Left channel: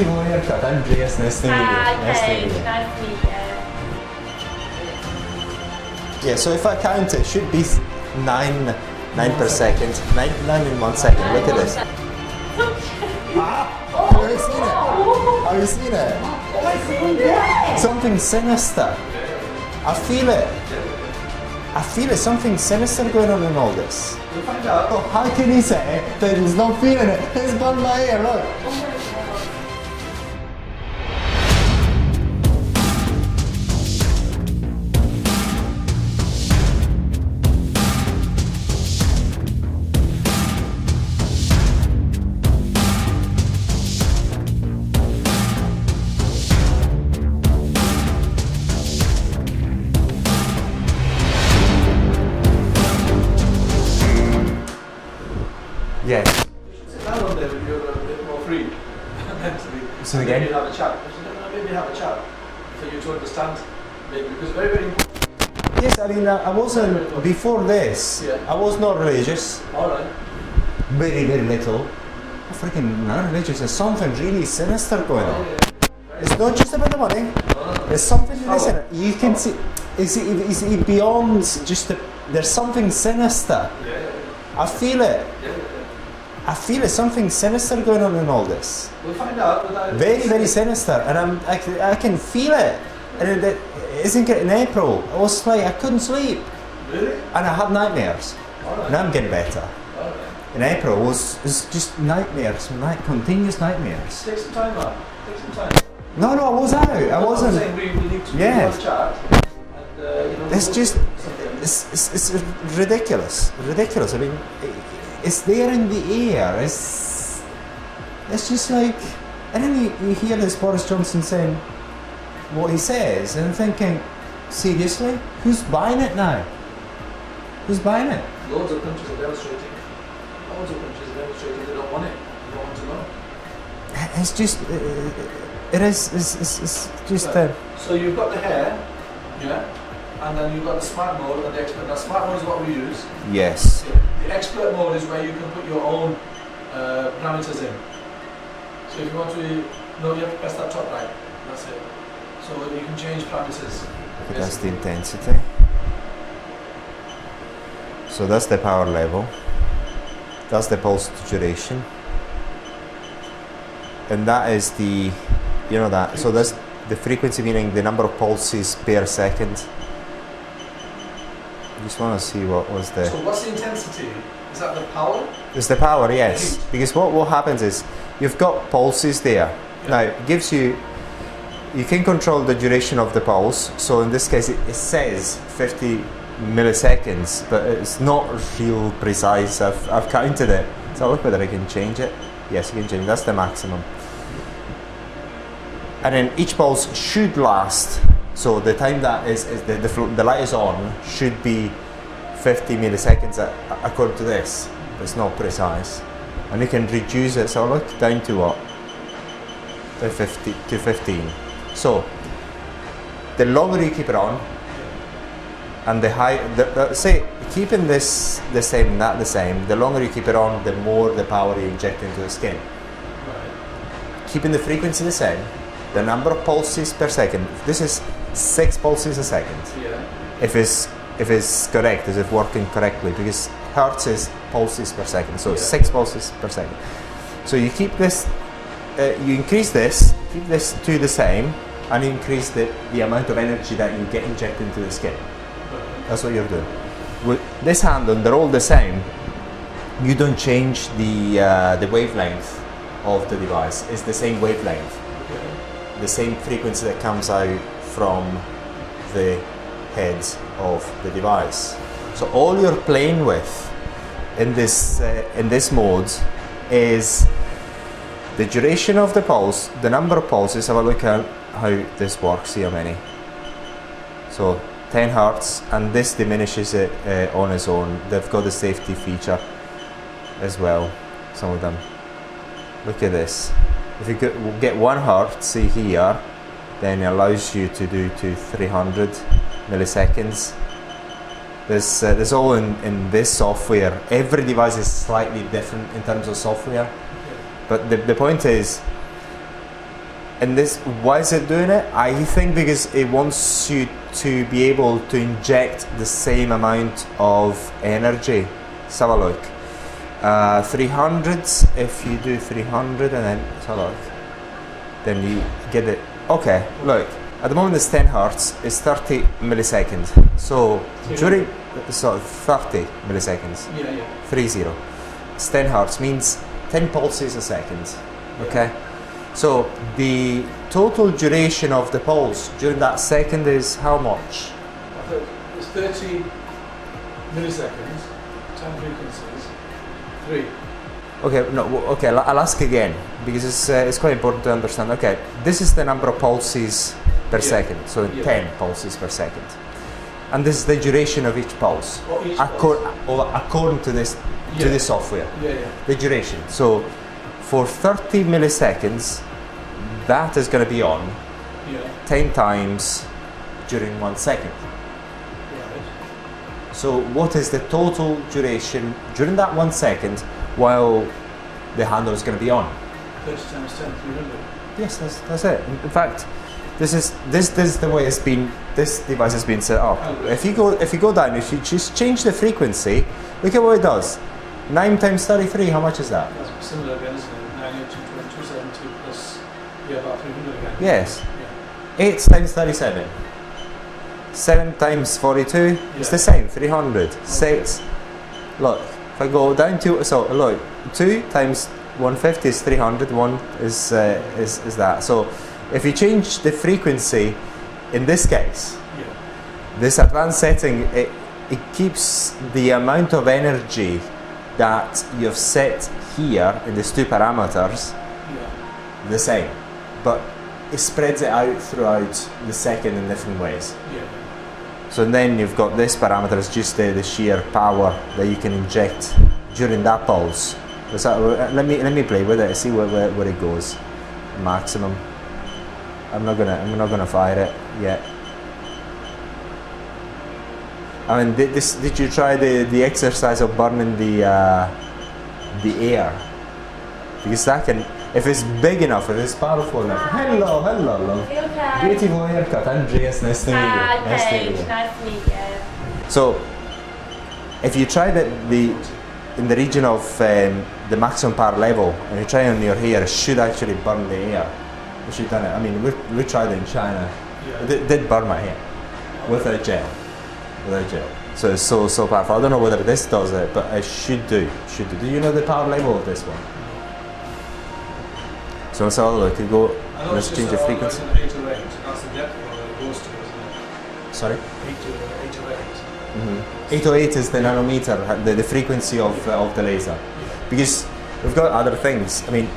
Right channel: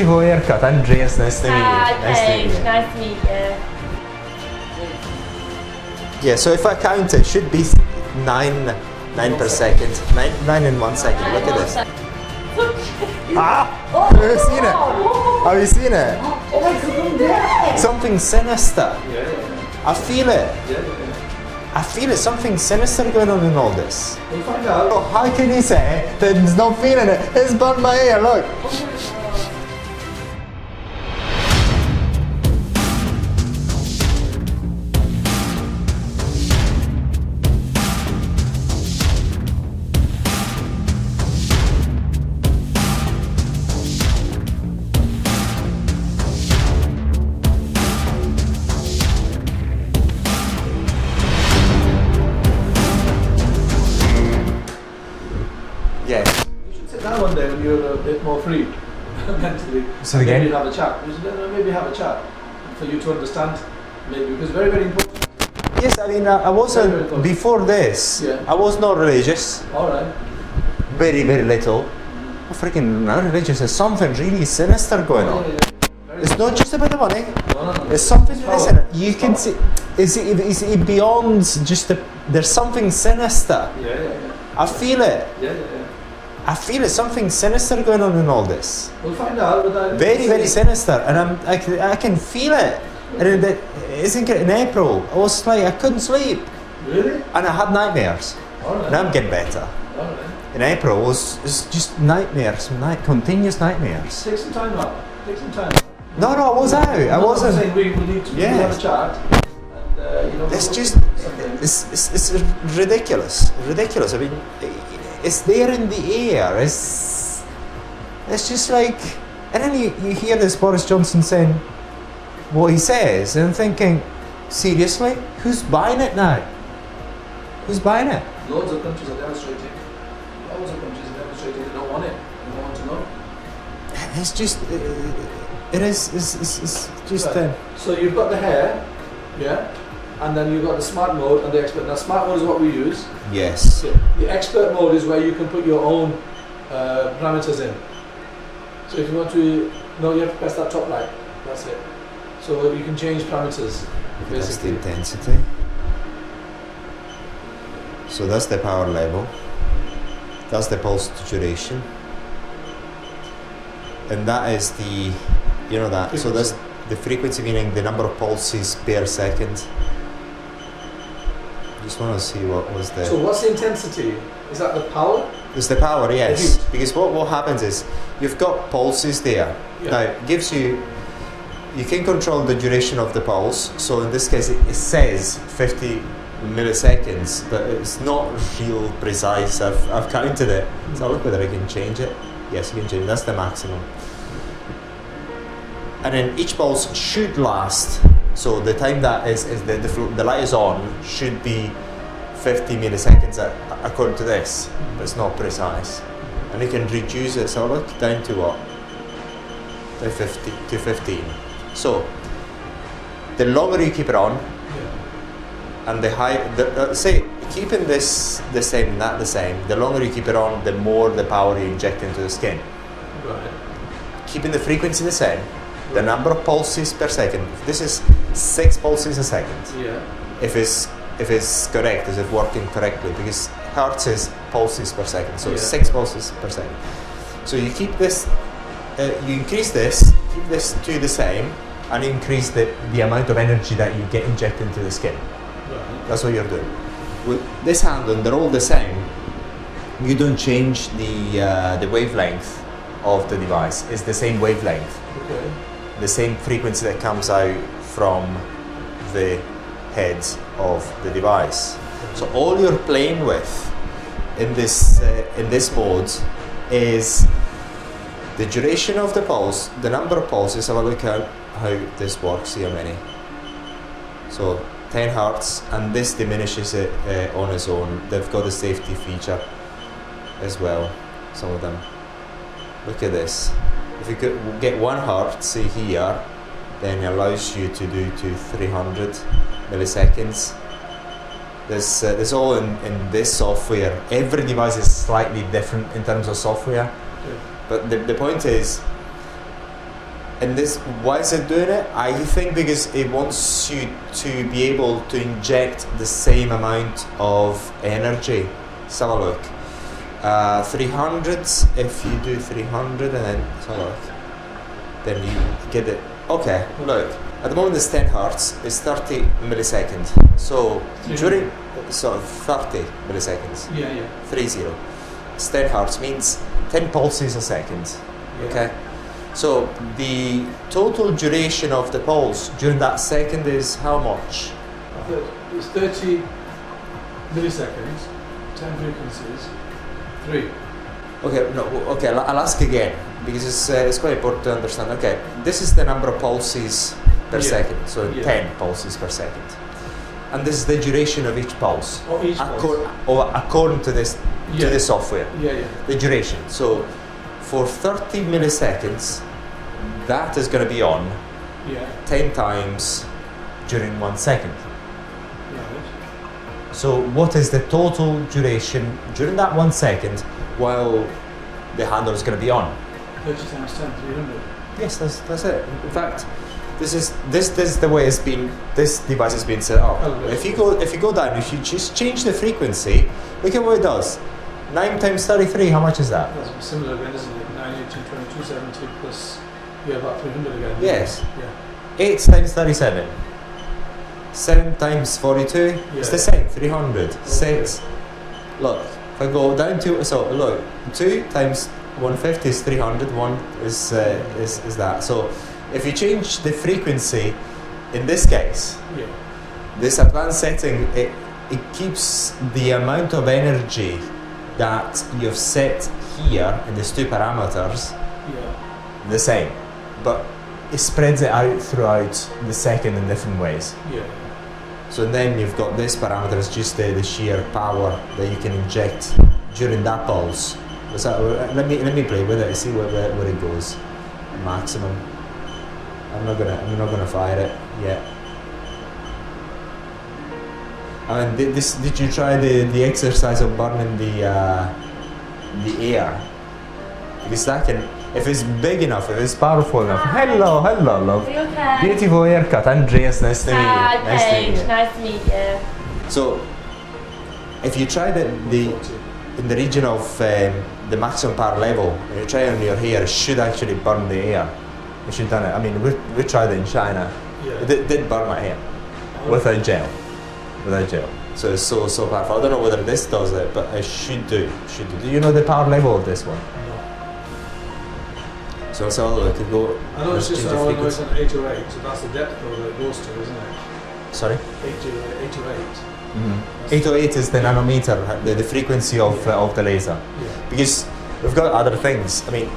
beautiful haircut. Andreas, nice to meet you. Nice to meet you. Nice to meet you. Yeah, so if I count it, should be 9 per second. 9 in 1 second. Look at this. Ah! Have you seen it? Have you seen it? Something sinister. I feel it. I feel it. Something sinister going on in all this. We'll find out. Oh, how can you say that he's not feeling it? It's burnt my hair, look. Yes. You should sit down one day when you're a bit more free mentally. So and again? maybe have a chat. You should maybe have a chat for you to understand. Maybe because very, very important. Yes, I mean, I wasn't, before this, Yeah. I was not religious. Alright. Very, very little. I'm freaking not religious. There's something really sinister going on. It's not just about the money. No. There's something in this in it. You can see, is it beyond just the, there's something sinister. Yeah. I feel it. Yeah. I feel it. Something sinister going on in all this. We'll find out. Very, very sinister. And I can feel it. And isn't it in April? I was like, I couldn't sleep. Really? And I had nightmares. Alright. Now I'm getting better. Alright. In April, it was just nightmares, continuous nightmares. Take some time out. Take some time. No, I was out. I wasn't. I'm saying we need to Yes. have a chat. And, you know, It's we'll just, do something. it's ridiculous. Ridiculous. I mean, it's there in the air. It's just like, and then you hear this Boris Johnson saying what he says, and I'm thinking, seriously, who's buying it now? Who's buying it? Loads of countries are demonstrating. Loads of countries are demonstrating. They don't want it. They don't want to know. It's just, it's just. Right. So you've got the hair, yeah, and then you've got the smart mode and the expert. Now smart mode is what we use. Yes. Yeah. The expert mode is where you can put your own parameters in. So if you want to, you have to press that top right. That's it. So you can change parameters. Okay, that's the intensity. So that's the power level. That's the pulse duration. And that is the, you know that, so that's the frequency, meaning the number of pulses per second. Just want to see what was the... So what's the intensity? Is that the power? It's the power, yes. Because what happens is, you've got pulses there. Yeah. Now, it gives you can control the duration of the pulse. So in this case, it says 50 milliseconds, but it's not real precise. I've counted it. So I'll look whether I can change it. Yes, you can change it. That's the maximum. And then each pulse should last. So the time that is the light is on should be 50 milliseconds according to this. But it's not precise. And you can reduce it. So I'll look down to what? To 15. So the longer you keep it on, and the high, say keeping this the same and that the same, the longer you keep it on, the more the power you inject into the skin. Right. Keeping the frequency the same, the number of pulses per second. This is 6 pulses a second. Yeah. If it's correct, is it working correctly? Because hertz is pulses per second, so it's 6 pulses per second. So you keep this, you increase this, keep this to the same, and increase the amount of energy that you get injected into the skin. That's what you're doing. With this handle, they're all the same. You don't change the wavelength of the device. It's the same wavelength. Okay. The same frequency that comes out from the heads of the device. So all you're playing with in this mode is the duration of the pulse, the number of pulses. Have a look at how this works. See how many. So 10 hertz, and this diminishes it on its own. They've got the safety feature as well, some of them. Look at this. If you get 1 hertz, see here, then it allows you to do to 300 milliseconds. There's all in this software. Every device is slightly different in terms of software. Okay. But the point is, And this, why is it doing it? I think because it wants you to be able to inject the same amount of energy. Let's have a look. 300s, if you do 300 and then, let's have a look. Then you get it. Okay, look. At the moment it's 10 hertz, it's 30 milliseconds. So during, so 30 milliseconds. Yeah, yeah. 30. It's 10 hertz, means 10 pulses a second. Okay? So the total duration of the pulse during that second is how much? It's 30 milliseconds, 10 frequencies, 3. Okay, no, okay, I'll ask again because it's quite important to understand. Okay, this is the number of pulses per second, so 10 pulses per second. And this is the duration of each pulse, according to this to the software. Yeah, yeah. The duration. So for 30 milliseconds, that is going to be on 10 times during 1 second. Right. So what is the total duration during that 1 second while the handle is going to be on? 30 times 10, 300. Yes, that's it. In fact, this is the way it's been. This device has been set up. If you go down, if you just change the frequency, look at what it does. 9 times 33. How much is that? That's similar again, isn't it? 980, 2270 plus about 300 again. Yes. Yeah. 8 times 37. 7 times 42. It's the same. 300. 6. Look, if I go down to look, 2 times 150 is 300. 1 is that. So if you change the frequency, in this case, this advanced setting, it keeps the amount of energy that you've set here in these two parameters the same, but it spreads it out throughout the second in different ways. So then you've got this parameter is just the sheer power that you can inject during that pulse. Let me play with it and see where it goes. Maximum. I'm not gonna fire it yet. I mean, did you try the exercise of burning the air? Because that can, if it's big enough, if it's powerful enough. Hello, love. Okay. Beautiful haircut, Andreas. Nice to meet you. Nice to meet you. So, if you try in the region of the maximum power level, and you try on your hair, it should actually burn the air. You should done it. I mean, we tried it in China. It did burn my hair without gel. So it's so powerful. I don't know whether this does it, but it should do. Do you know the power level of this one? So let's have a look. Let's change the frequency. It's an 8 or 8, so that's the depth of it goes to, isn't it? Sorry? 8 or 8. 808 is the nanometer, the frequency of the laser. Because we've got other things. I mean,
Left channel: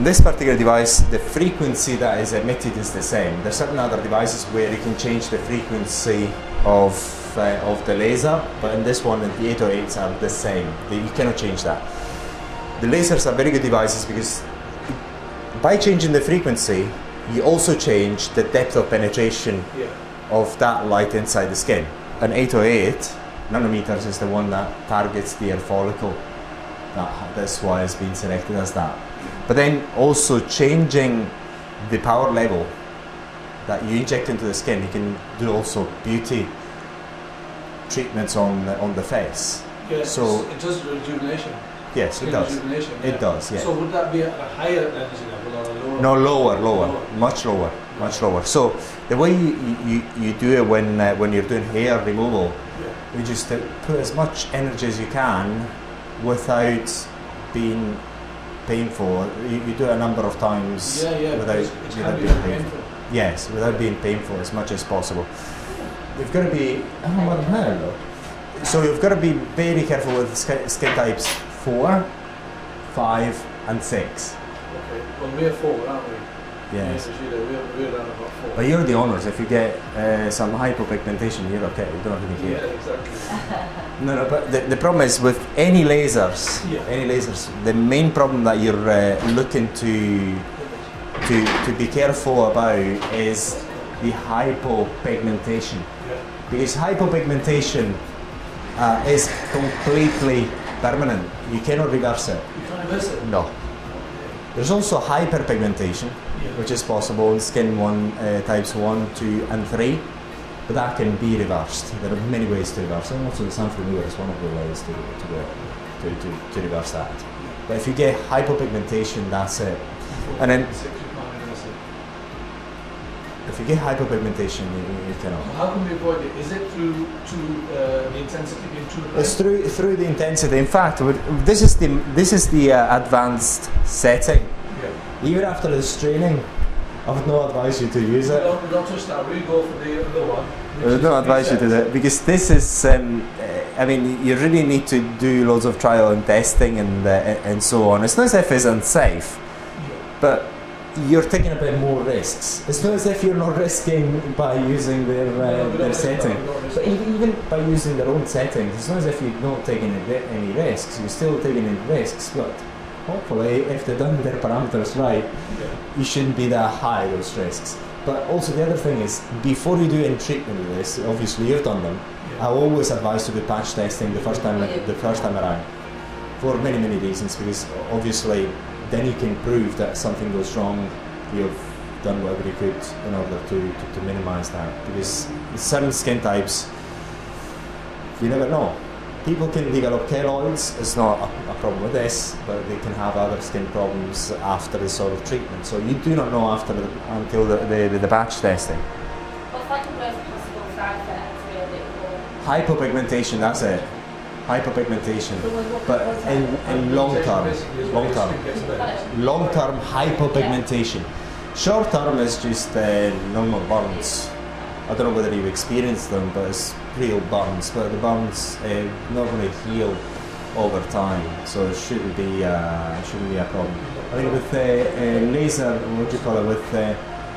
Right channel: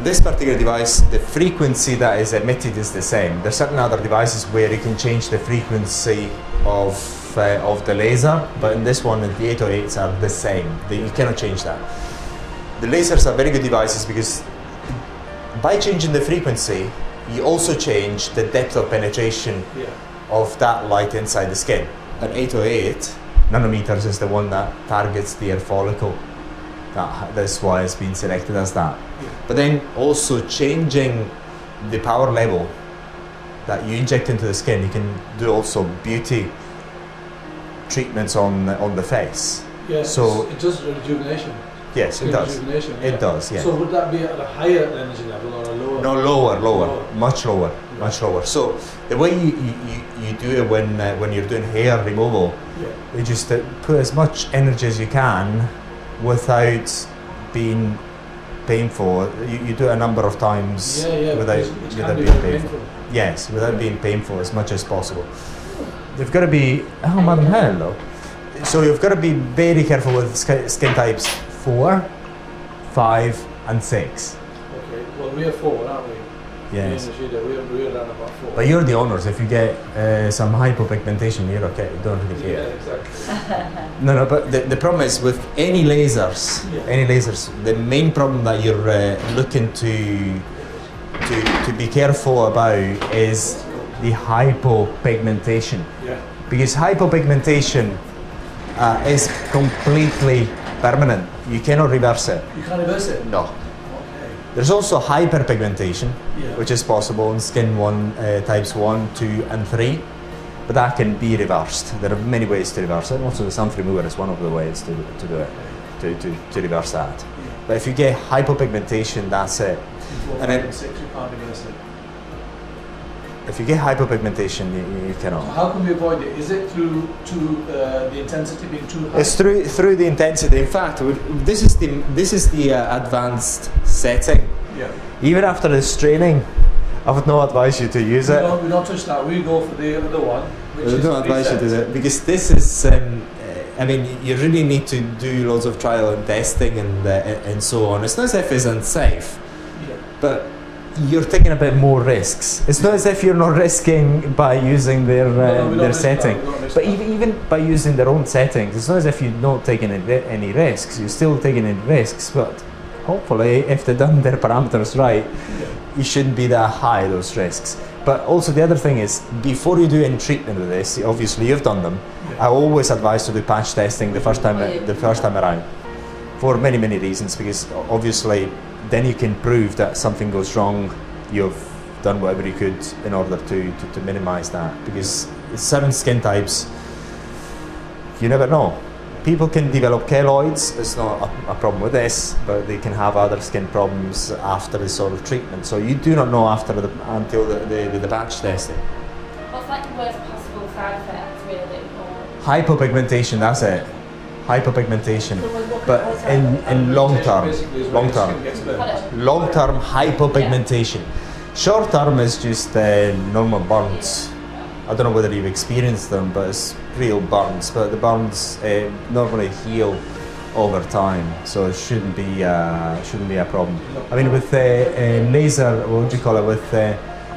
this particular device, the frequency that is emitted is the same. There's certain other devices where you can change the frequency of the laser, but in this one, the 808s are the same. You cannot change that. The lasers are very good devices because by changing the frequency, you also change the depth of penetration of that light inside the skin. An 808 nanometers is the one that targets the hair follicle. That's why it's been selected as that. But then also changing the power level that you inject into the skin, you can do also beauty treatments on the face. Yes, so it does rejuvenation. Yes, it does. It does, yeah. So would that be at a higher energy level or a lower? No, lower, much lower. So the way you do it when you're doing hair removal, you just put as much energy as you can without being painful. You do it a number of times without being painful. Yes, without being painful as much as possible. You've got to be, oh man, hello. So you've got to be very careful with skin types 4, 5 and 6. Okay, well we're 4, aren't we? Yes. We're around about 4. But you're the owners. If you get some hypopigmentation, you're okay. You don't really care. Yeah, exactly. No, but the problem is with any lasers, the main problem that you're looking to be careful about is the hypopigmentation. Because hypopigmentation is completely permanent. You cannot reverse it. You can't reverse it? No. There's also hyperpigmentation, which is possible in skin types 1, 2 and 3, but that can be reversed. There are many ways to reverse it, and also the sun remover is one of the ways to do it, to reverse that. But if you get hypopigmentation, that's it. And then if you get hypopigmentation, you cannot. So how can we avoid it? Is it through the intensity being too high? It's through the intensity. In fact, this is the advanced setting. Yeah. Even after this training, I would not advise you to use it. We don't touch that. We go for the other one. I would not advise you to do that because this is. I mean, you really need to do loads of trial and testing and so on. It's not as if it's unsafe, but you're taking a bit more risks. It's not as if you're not risking by using their setting, but even by using their own settings, it's not as if you're not taking any risks. You're still taking any risks, but hopefully, if they've done their parameters right, you shouldn't be that high those risks. But also the other thing is, before you do any treatment with this, obviously you've done them. I always advise to do patch testing the first time around, for many reasons. Because obviously, then you can prove that something goes wrong. You've done whatever you could in order to minimize that. Because certain skin types, you never know. People can develop keloids. It's not a problem with this, but they can have other skin problems after this sort of treatment. So you do not know until the batch testing. What's like the worst possible side effect, really? Hypopigmentation, that's it. Hypopigmentation. But in long term hypopigmentation. Short term is just normal burns. I don't know whether you've experienced them, but it's real burns. But the burns normally heal over time, so it shouldn't be a problem. I mean, with laser, what would you call it? With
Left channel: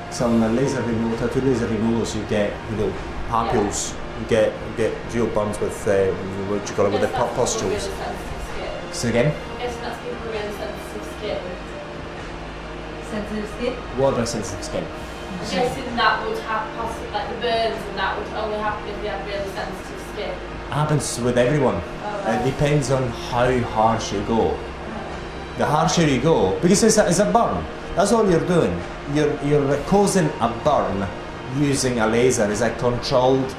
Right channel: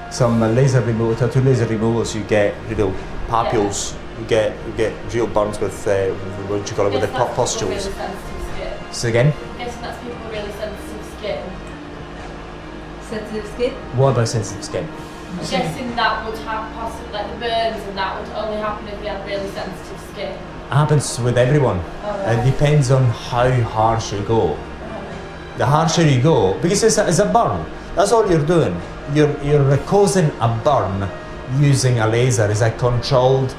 some laser removal, tattoo laser removals, you get real papules. You get real burns with what would you call it? With the pustules. Say again. I'm guessing that's people with really sensitive skin. Sensitive skin? What about sensitive skin? I'm guessing that would have possibly, like the burns, and that would only happen if they had really sensitive skin. It happens with everyone. It depends on how harsh you go. The harsher you go, because it's a burn. That's all you're doing. You're causing a burn using a laser. It's a controlled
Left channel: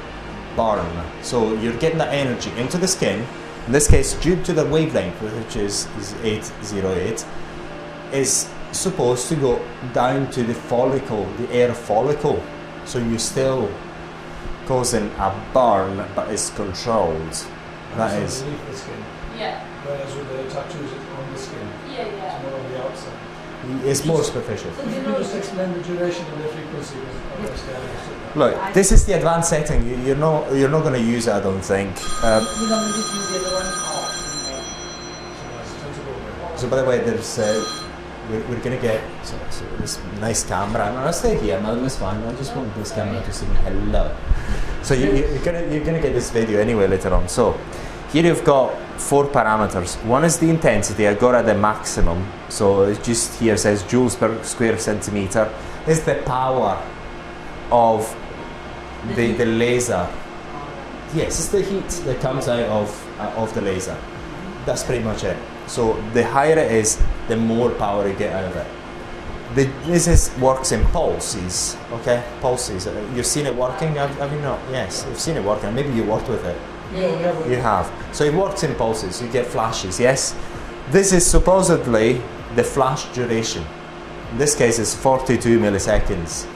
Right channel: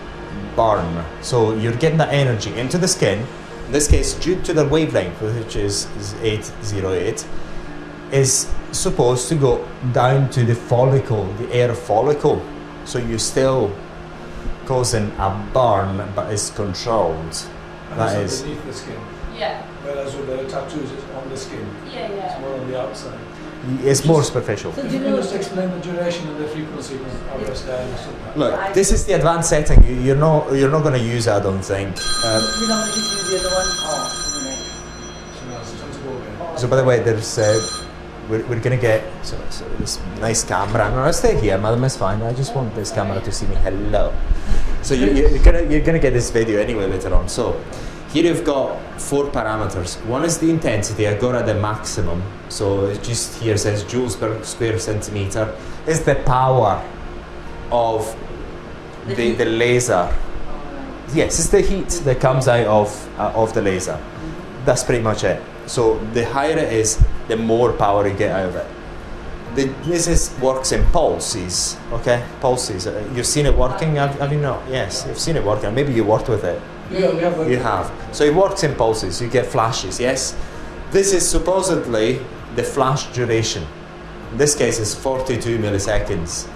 burn. So you're getting that energy into the skin. In this case, due to the wavelength, which is 808, is supposed to go down to the follicle, the hair follicle. So you're still causing a burn, but it's controlled. That is. Underneath the skin. Yeah. Whereas with the tattoos, it's on the skin. Yeah. It's more on the outside. It's more superficial. So do Can you you know, just explain the duration and the frequency of Andreas? Look, this is the advanced setting. You're not going to use it, I don't think. you don't really use the other one? Oh, So by the way, there's we're going to get so this nice camera. No, I'll stay here, madam. It's fine. I just want this camera to see me. Hello. So you're gonna get this video anyway later on. So here you've got 4 parameters. One is the intensity. I got at the maximum. So it just here says joules per square centimeter. It's the power of the laser. Yes, it's the heat that comes out of the laser. That's pretty much it. So the higher it is, the more power you get out of it. This works in pulses, okay? Pulses. You've seen it working, have you not? Yes, you've seen it working. Maybe you worked with it. Yeah, You have. So it works in pulses. You get flashes, yes? This is supposedly the flash duration. In this case, it's 42 milliseconds.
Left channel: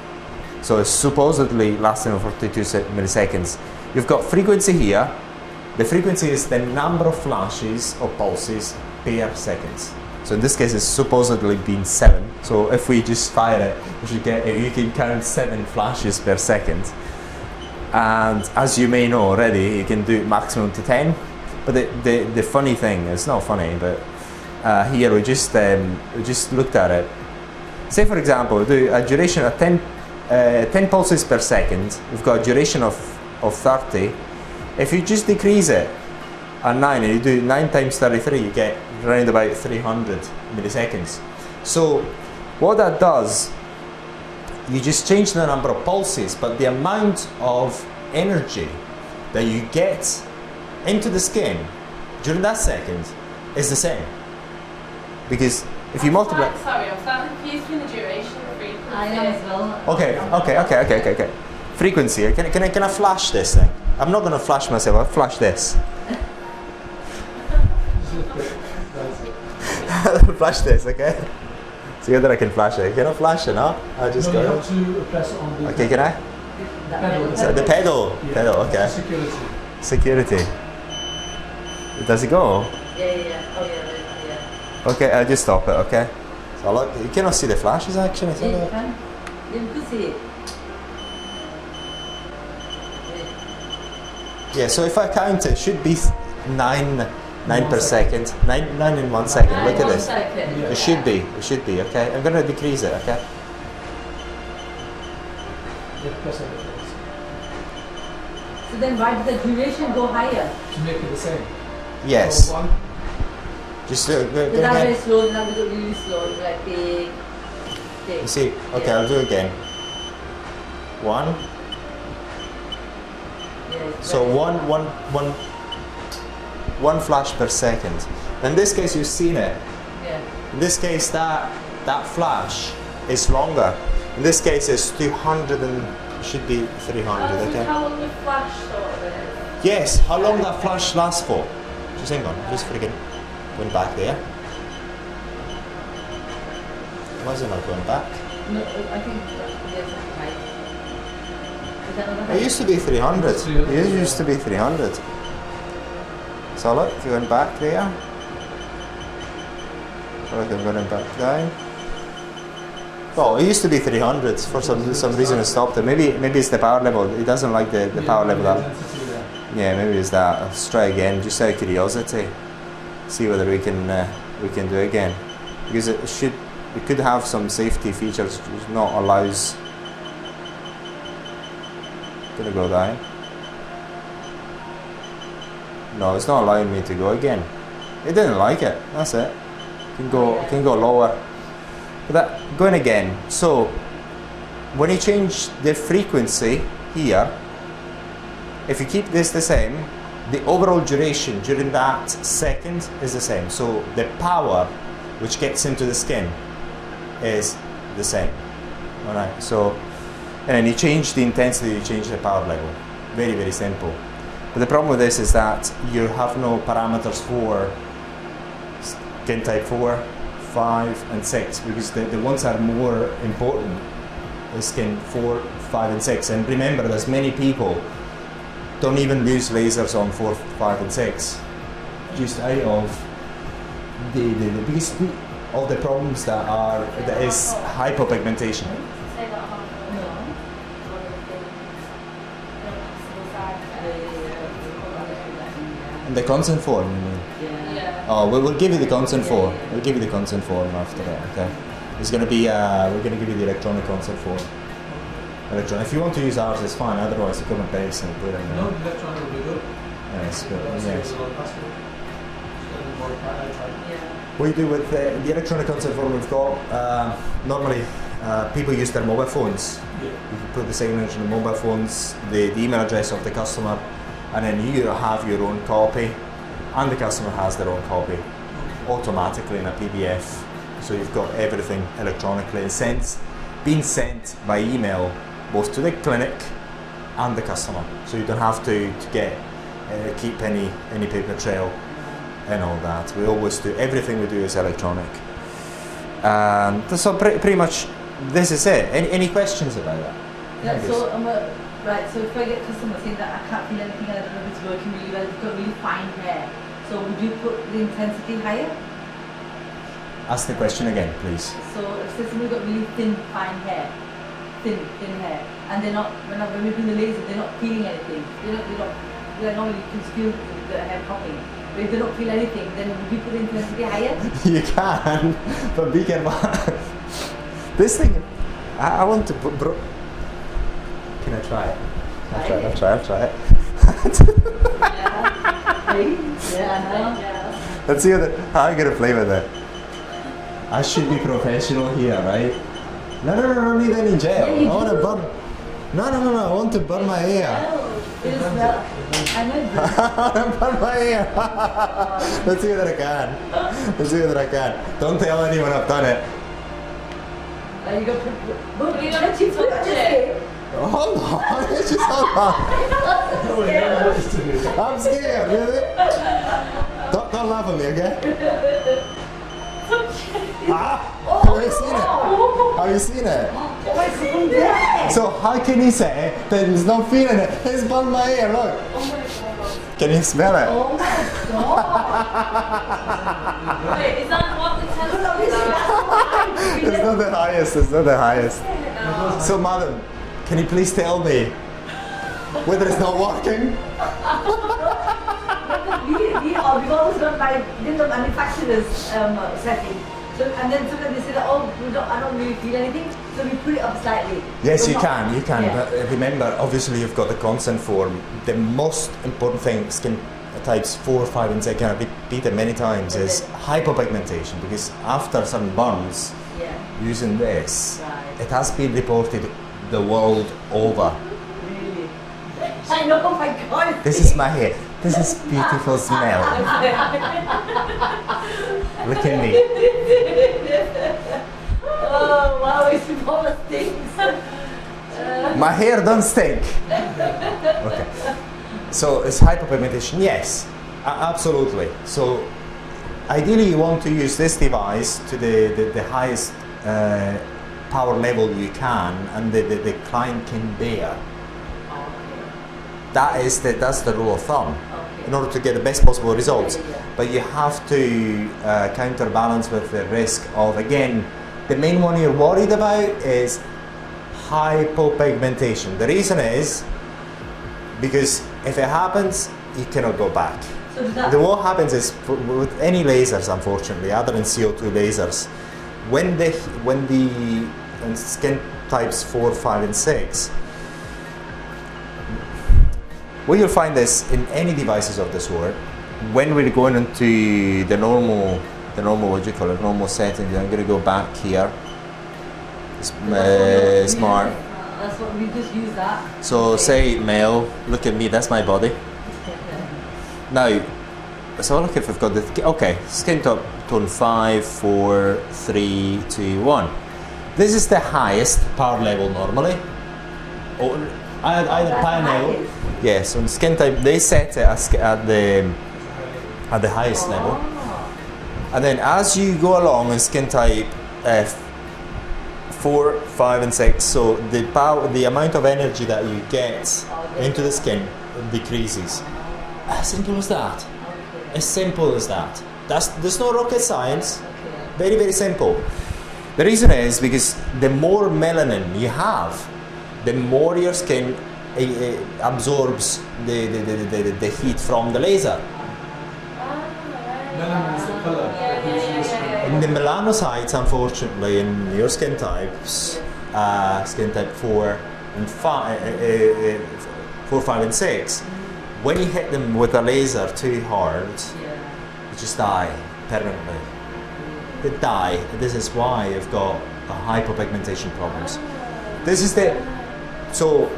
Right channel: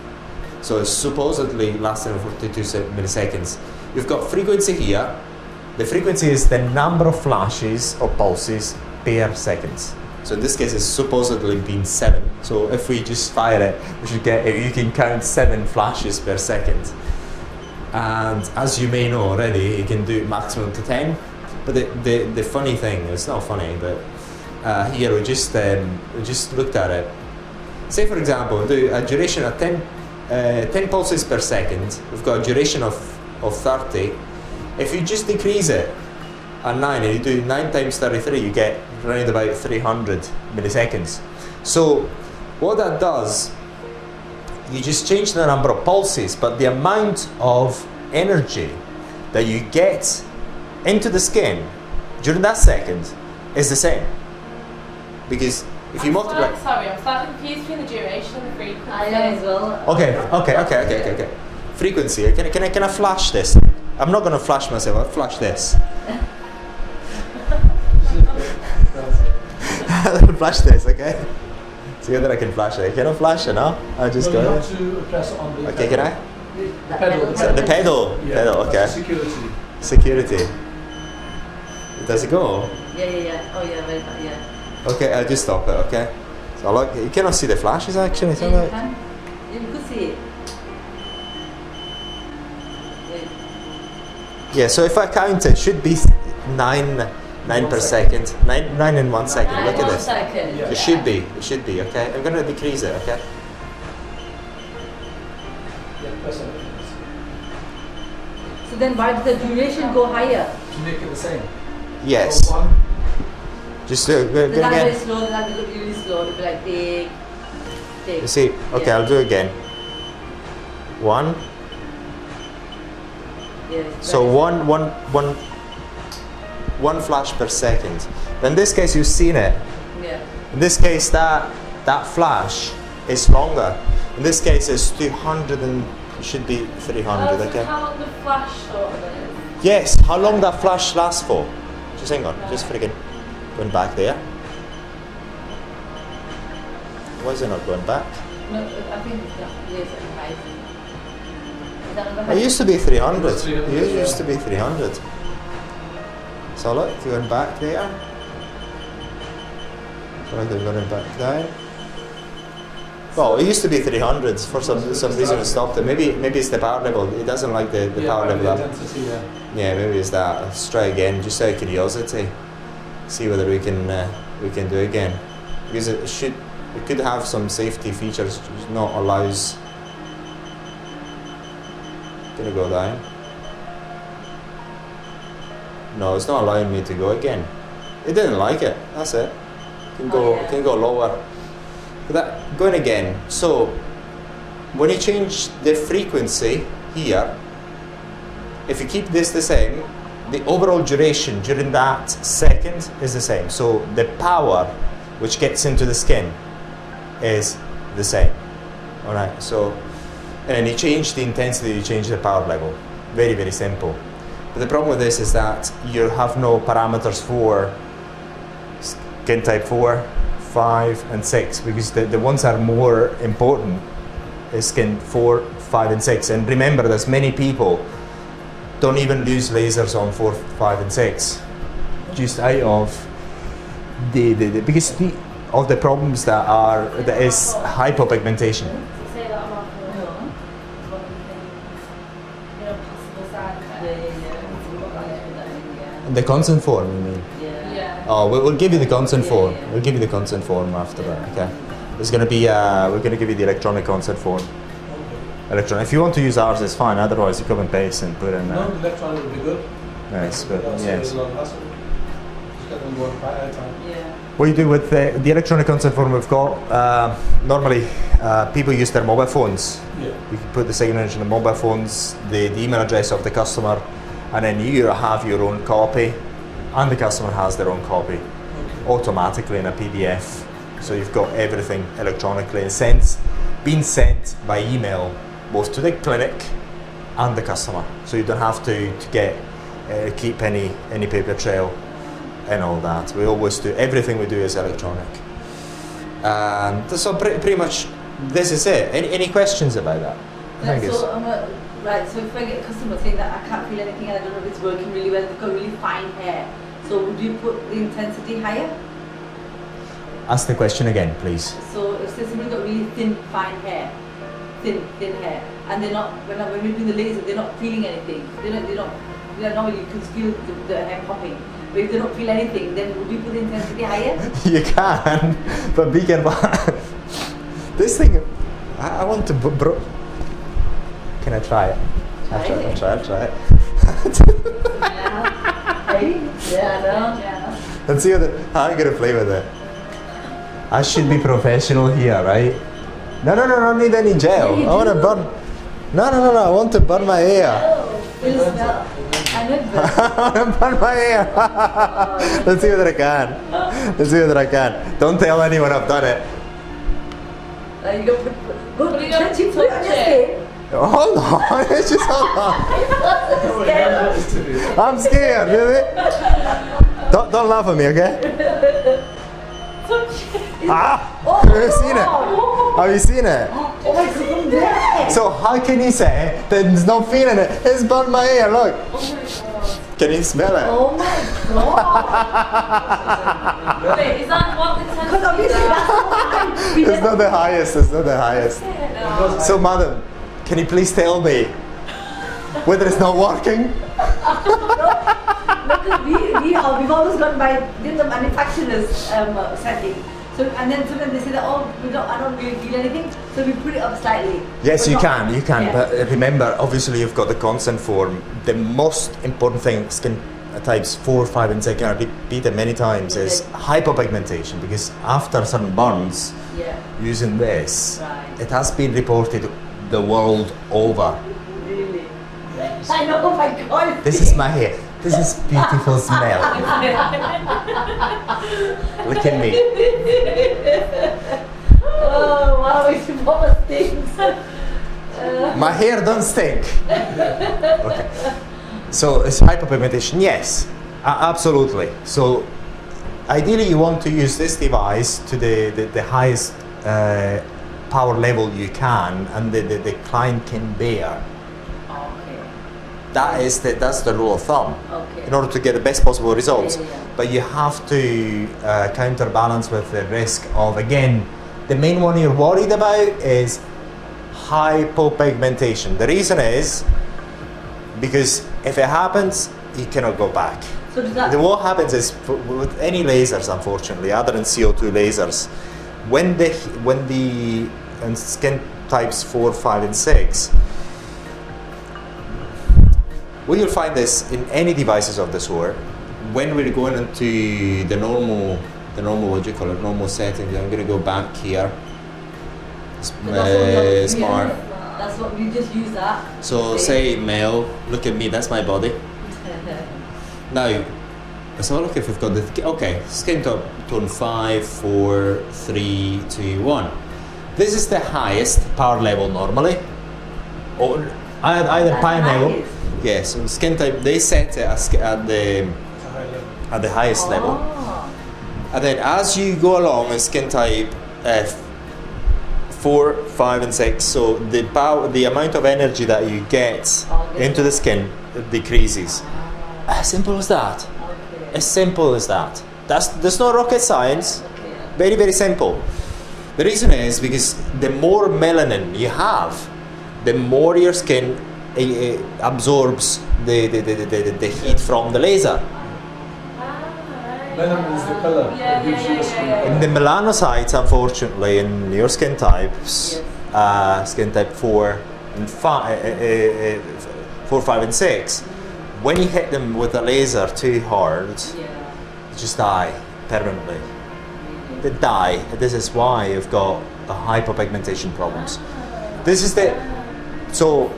So it's supposedly lasting 42 milliseconds. You've got frequency here. The frequency is the number of flashes or pulses per second. So in this case, it's supposedly been 7. So if we just fire it, you can count 7 flashes per second. And as you may know already, you can do maximum to 10. But the funny thing, it's not funny, but here we just looked at it. Say for example, do a duration of 10 pulses per second. We've got a duration of 30. If you just decrease it at 9 and you do 9 times 33, you get around about 300 milliseconds. So what that does, you just change the number of pulses, but the amount of energy that you get into the skin during that second is the same. Because if you multiply... Sorry, I'm I'm slightly confused between the duration and the frequency. I am as well. Okay. Frequency. Can I flash this thing? I'm not going to flash myself. I'll flash this. I'll flash this, okay? See whether I can flash it. Can I flash it now? I'll just No, you go. have to press on the Okay, can I? pedal. So the pedal. Yeah. Pedal, okay. Security. Security. Does it go? Yeah. Oh yeah. Okay, I'll just stop it, okay? So look, you cannot see the flashes actually. Is that You right? can. You could see it. Yeah, so if I count it, should be 9 per second. 9 in 1 second. Look at this. Second. It should be, okay? I'm gonna decrease it, okay? Yeah, press on it. So then why does the duration go higher? To make it the same. Yes. One. Just go It's not very again. slow, it's not really slow. It's like big. You see, okay, I'll do it again. 1. Yeah, it's So very one flash per second. In this case, you've seen it. Yeah. In this case, that flash is longer. In this case, it's 200 and should be 300. That's Okay. how long the flash sort of is. Yes. How long that flash lasts for? Just hang on. Just freaking going back there. Why is it not going back? No, I think there's a height. Is that the It height? used to be 300. 300, It used to be 300. So look, going back there. So look, I'm going back down. Well, it used to be 300. For some reason, it stopped it. Maybe it's the power level. It doesn't like the power level. Intensity, yeah. Yeah, maybe it's that. Let's try again, just out of curiosity. See whether we can do it again. Because it could have some safety features, which not allows. Gonna go down. No, it's not allowing me to go again. It didn't like it. That's it. Can go lower. But that going again. So when you change the frequency here, if you keep this the same, the overall duration during that second is the same. So the power which gets into the skin is the same. Alright, so and then you change the intensity, you change the power level. Very, very simple. But the problem with this is that you have no parameters for skin type 4, 5 and 6 because the ones that are more important is skin 4, 5 and 6. And remember, there's many people don't even use lasers on 4, 5 and 6 just out of the because of the problems that is hypopigmentation. Say that on our phone. No. Possible side effects. The consent form, you mean? Yeah. Oh, we'll give you the consent form. We'll give you the consent form after that. Okay. There's going to be we're going to give you the electronic consent form. Electronic. If you want to use ours, it's fine. Otherwise, you come and paste and put in. No, the electronic would be good. Yes, but That's yes. a lot of hassle. Just get them more airtime. What you do with the electronic consent form we've got, normally people use their mobile phones. Yeah. You can put the signature on the mobile phones, the email address of the customer, and then you have your own copy, and the customer has their own copy automatically in a PDF. So you've got everything electronically and being sent by email both to the clinic and the customer. So you don't have to keep any paper trail and all that. We always do, everything we do is electronic. And so pretty much this is it. Any questions about that? I think it's- So if I get a customer saying that I can't feel anything, I don't know if it's working really well, it's got really fine hair. So would you put the intensity higher? Ask the question again, please. So if somebody's got really fine hair, thin hair, and when we do the laser, they're not feeling anything. They're normally you can feel the hair popping. But if they don't feel anything, then would you put the intensity higher? You can, but be careful. This thing, I want to Can I try it? I'll try it. Yeah. Let's see how I'm gonna play with it. I should be professional here, right? No, I don't need any gel. I want to burn. No, I want to burn my hair. Will it smell? I know I want to burn my hair. Let's see whether I can. Don't tell anyone I've done it. Like you got to But you don't touch it, put it on your touch it. skin. Hold on, just hold on. I'm scared, really. Don't laugh at me, okay? Ah! Have you seen it? Have you seen it? Oh my God. So how can you say that he's not feeling it? It's burnt my ear, look. Oh my god. Can you smell it? Oh my God. Wait, is that what the Because obviously that's what It's not the highest, it's not the highest. No. So madam, can you please tell me whether it's not working? we've always gone by in the manufacturer's setting. So, and then sometimes they say that, oh, I don't really feel anything, so we put it up slightly. Yes, But you not- can, yeah. but remember, obviously you've got the constant form. The most important thing, skin types 4, 5 and 6, and I repeat it many times, is hypopigmentation, because after certain burns, Yeah, using this, right. it has been reported the world over. Really. I know, oh my God. This is my hair. This is beautiful smell. Look at me. Oh, wow, it's proper things. My hair don't stink. Okay. So it's hyperpigmentation. Yes, absolutely. So ideally you want to use this device to the highest power level you can, and the client can bear. Okay, That's the rule of thumb. okay. In order to get the best possible results. Yeah, yeah. But you have to counterbalance with the risk of, again, the main one you're worried about is hypopigmentation. The reason is because if it happens, you cannot go back. So does that... Then what happens is, with any lasers, unfortunately, other than CO2 lasers, when the skin types 4, 5 and 6, well, you'll find this in any devices of the sort. When we're going into the normal, what do you call it, normal settings, I'm going to go back here. Smart. That's what we just use that. So Okay. say male, look at me, that's my body. Now, let's have a look if we've got the, okay, skin tone 5, 4, 3, 2, 1. This is the highest power level normally. Or either That's power level. highest. Yes, on skin type, they set it at the highest level. Oh. And then as you go along in skin type 4, 5 and 6, so the amount of energy that you get into the skin decreases. As simple as that. Okay. As simple as that. There's no rocket science. Okay. Very, very simple. The reason is because the more melanin you have, the more your skin absorbs the heat from the laser. Melanin is the color that gives you a skin. In the melanocytes, unfortunately, in your skin types, skin type 4 and 5, 4, 5 and 6, when you hit them with a laser too hard, Yeah. they just die permanently. They die. This is why you've got hypopigmentation problems. This is so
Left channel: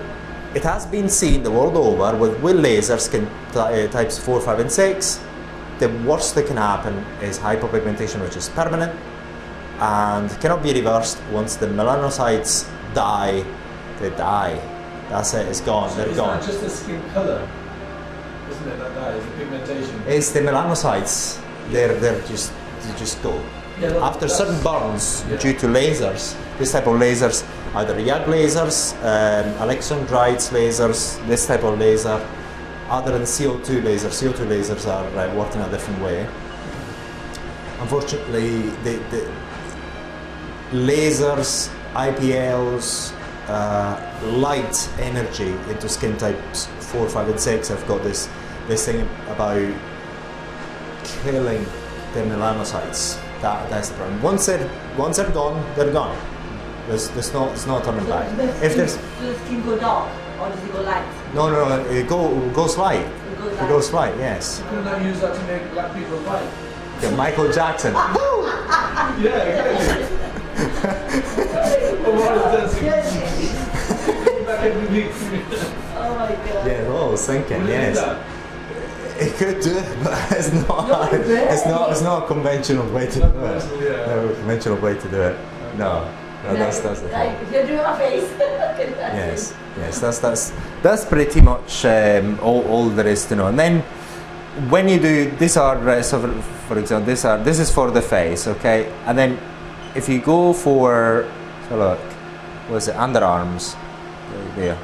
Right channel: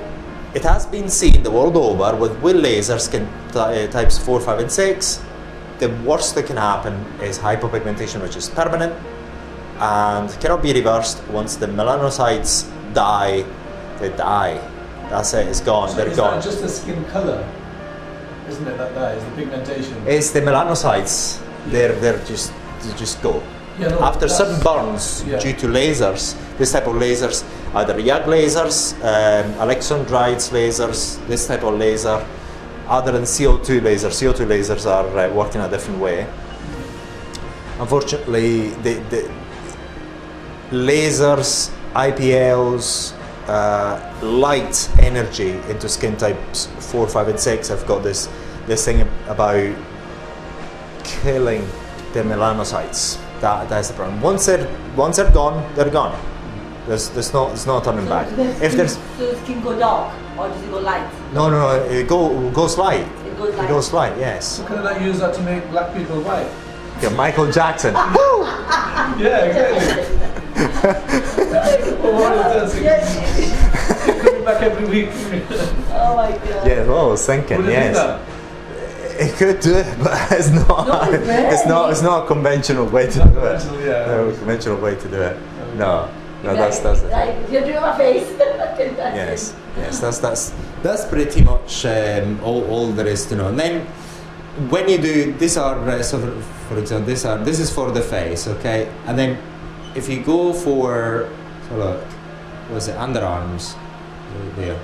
it has been seen the world over with laser skin types 4, 5 and 6. The worst that can happen is hypopigmentation, which is permanent and cannot be reversed. Once the melanocytes die, they die. That's it, it's gone, they're It's gone. not just the skin color, isn't it? That is the pigmentation. It's the melanocytes, they just go. Yeah, no, After that's- certain burns yeah. due to lasers, this type of lasers, either YAG lasers, electron guides lasers, this type of laser, other than CO2 lasers. CO2 lasers are working a different way. Unfortunately, the lasers, IPLs, light energy into skin types 4, 5 and 6 have got this thing about killing the melanocytes. That's the problem. Once they're gone, they're gone. There's no turning back. If there's So the skin go dark or does it go light? no, it goes light. It goes light. It goes light. Yes. Couldn't I use that to make black people white? Yeah, Michael Jackson. Yeah, exactly. Well, what it does, it comes back every week. Oh my God. Yeah, well, I was thinking. Would it do Yes. that? It could do it, but it's not. No, It's not a conventional way to do it. Yeah. No conventional way to do it. No. That's the thing. Right, you're doing my face. Yes, yes, that's pretty much all there is to know. And then when you do, these are so for example, this is for the face, okay. And then if you go for, so look, was it underarms right there,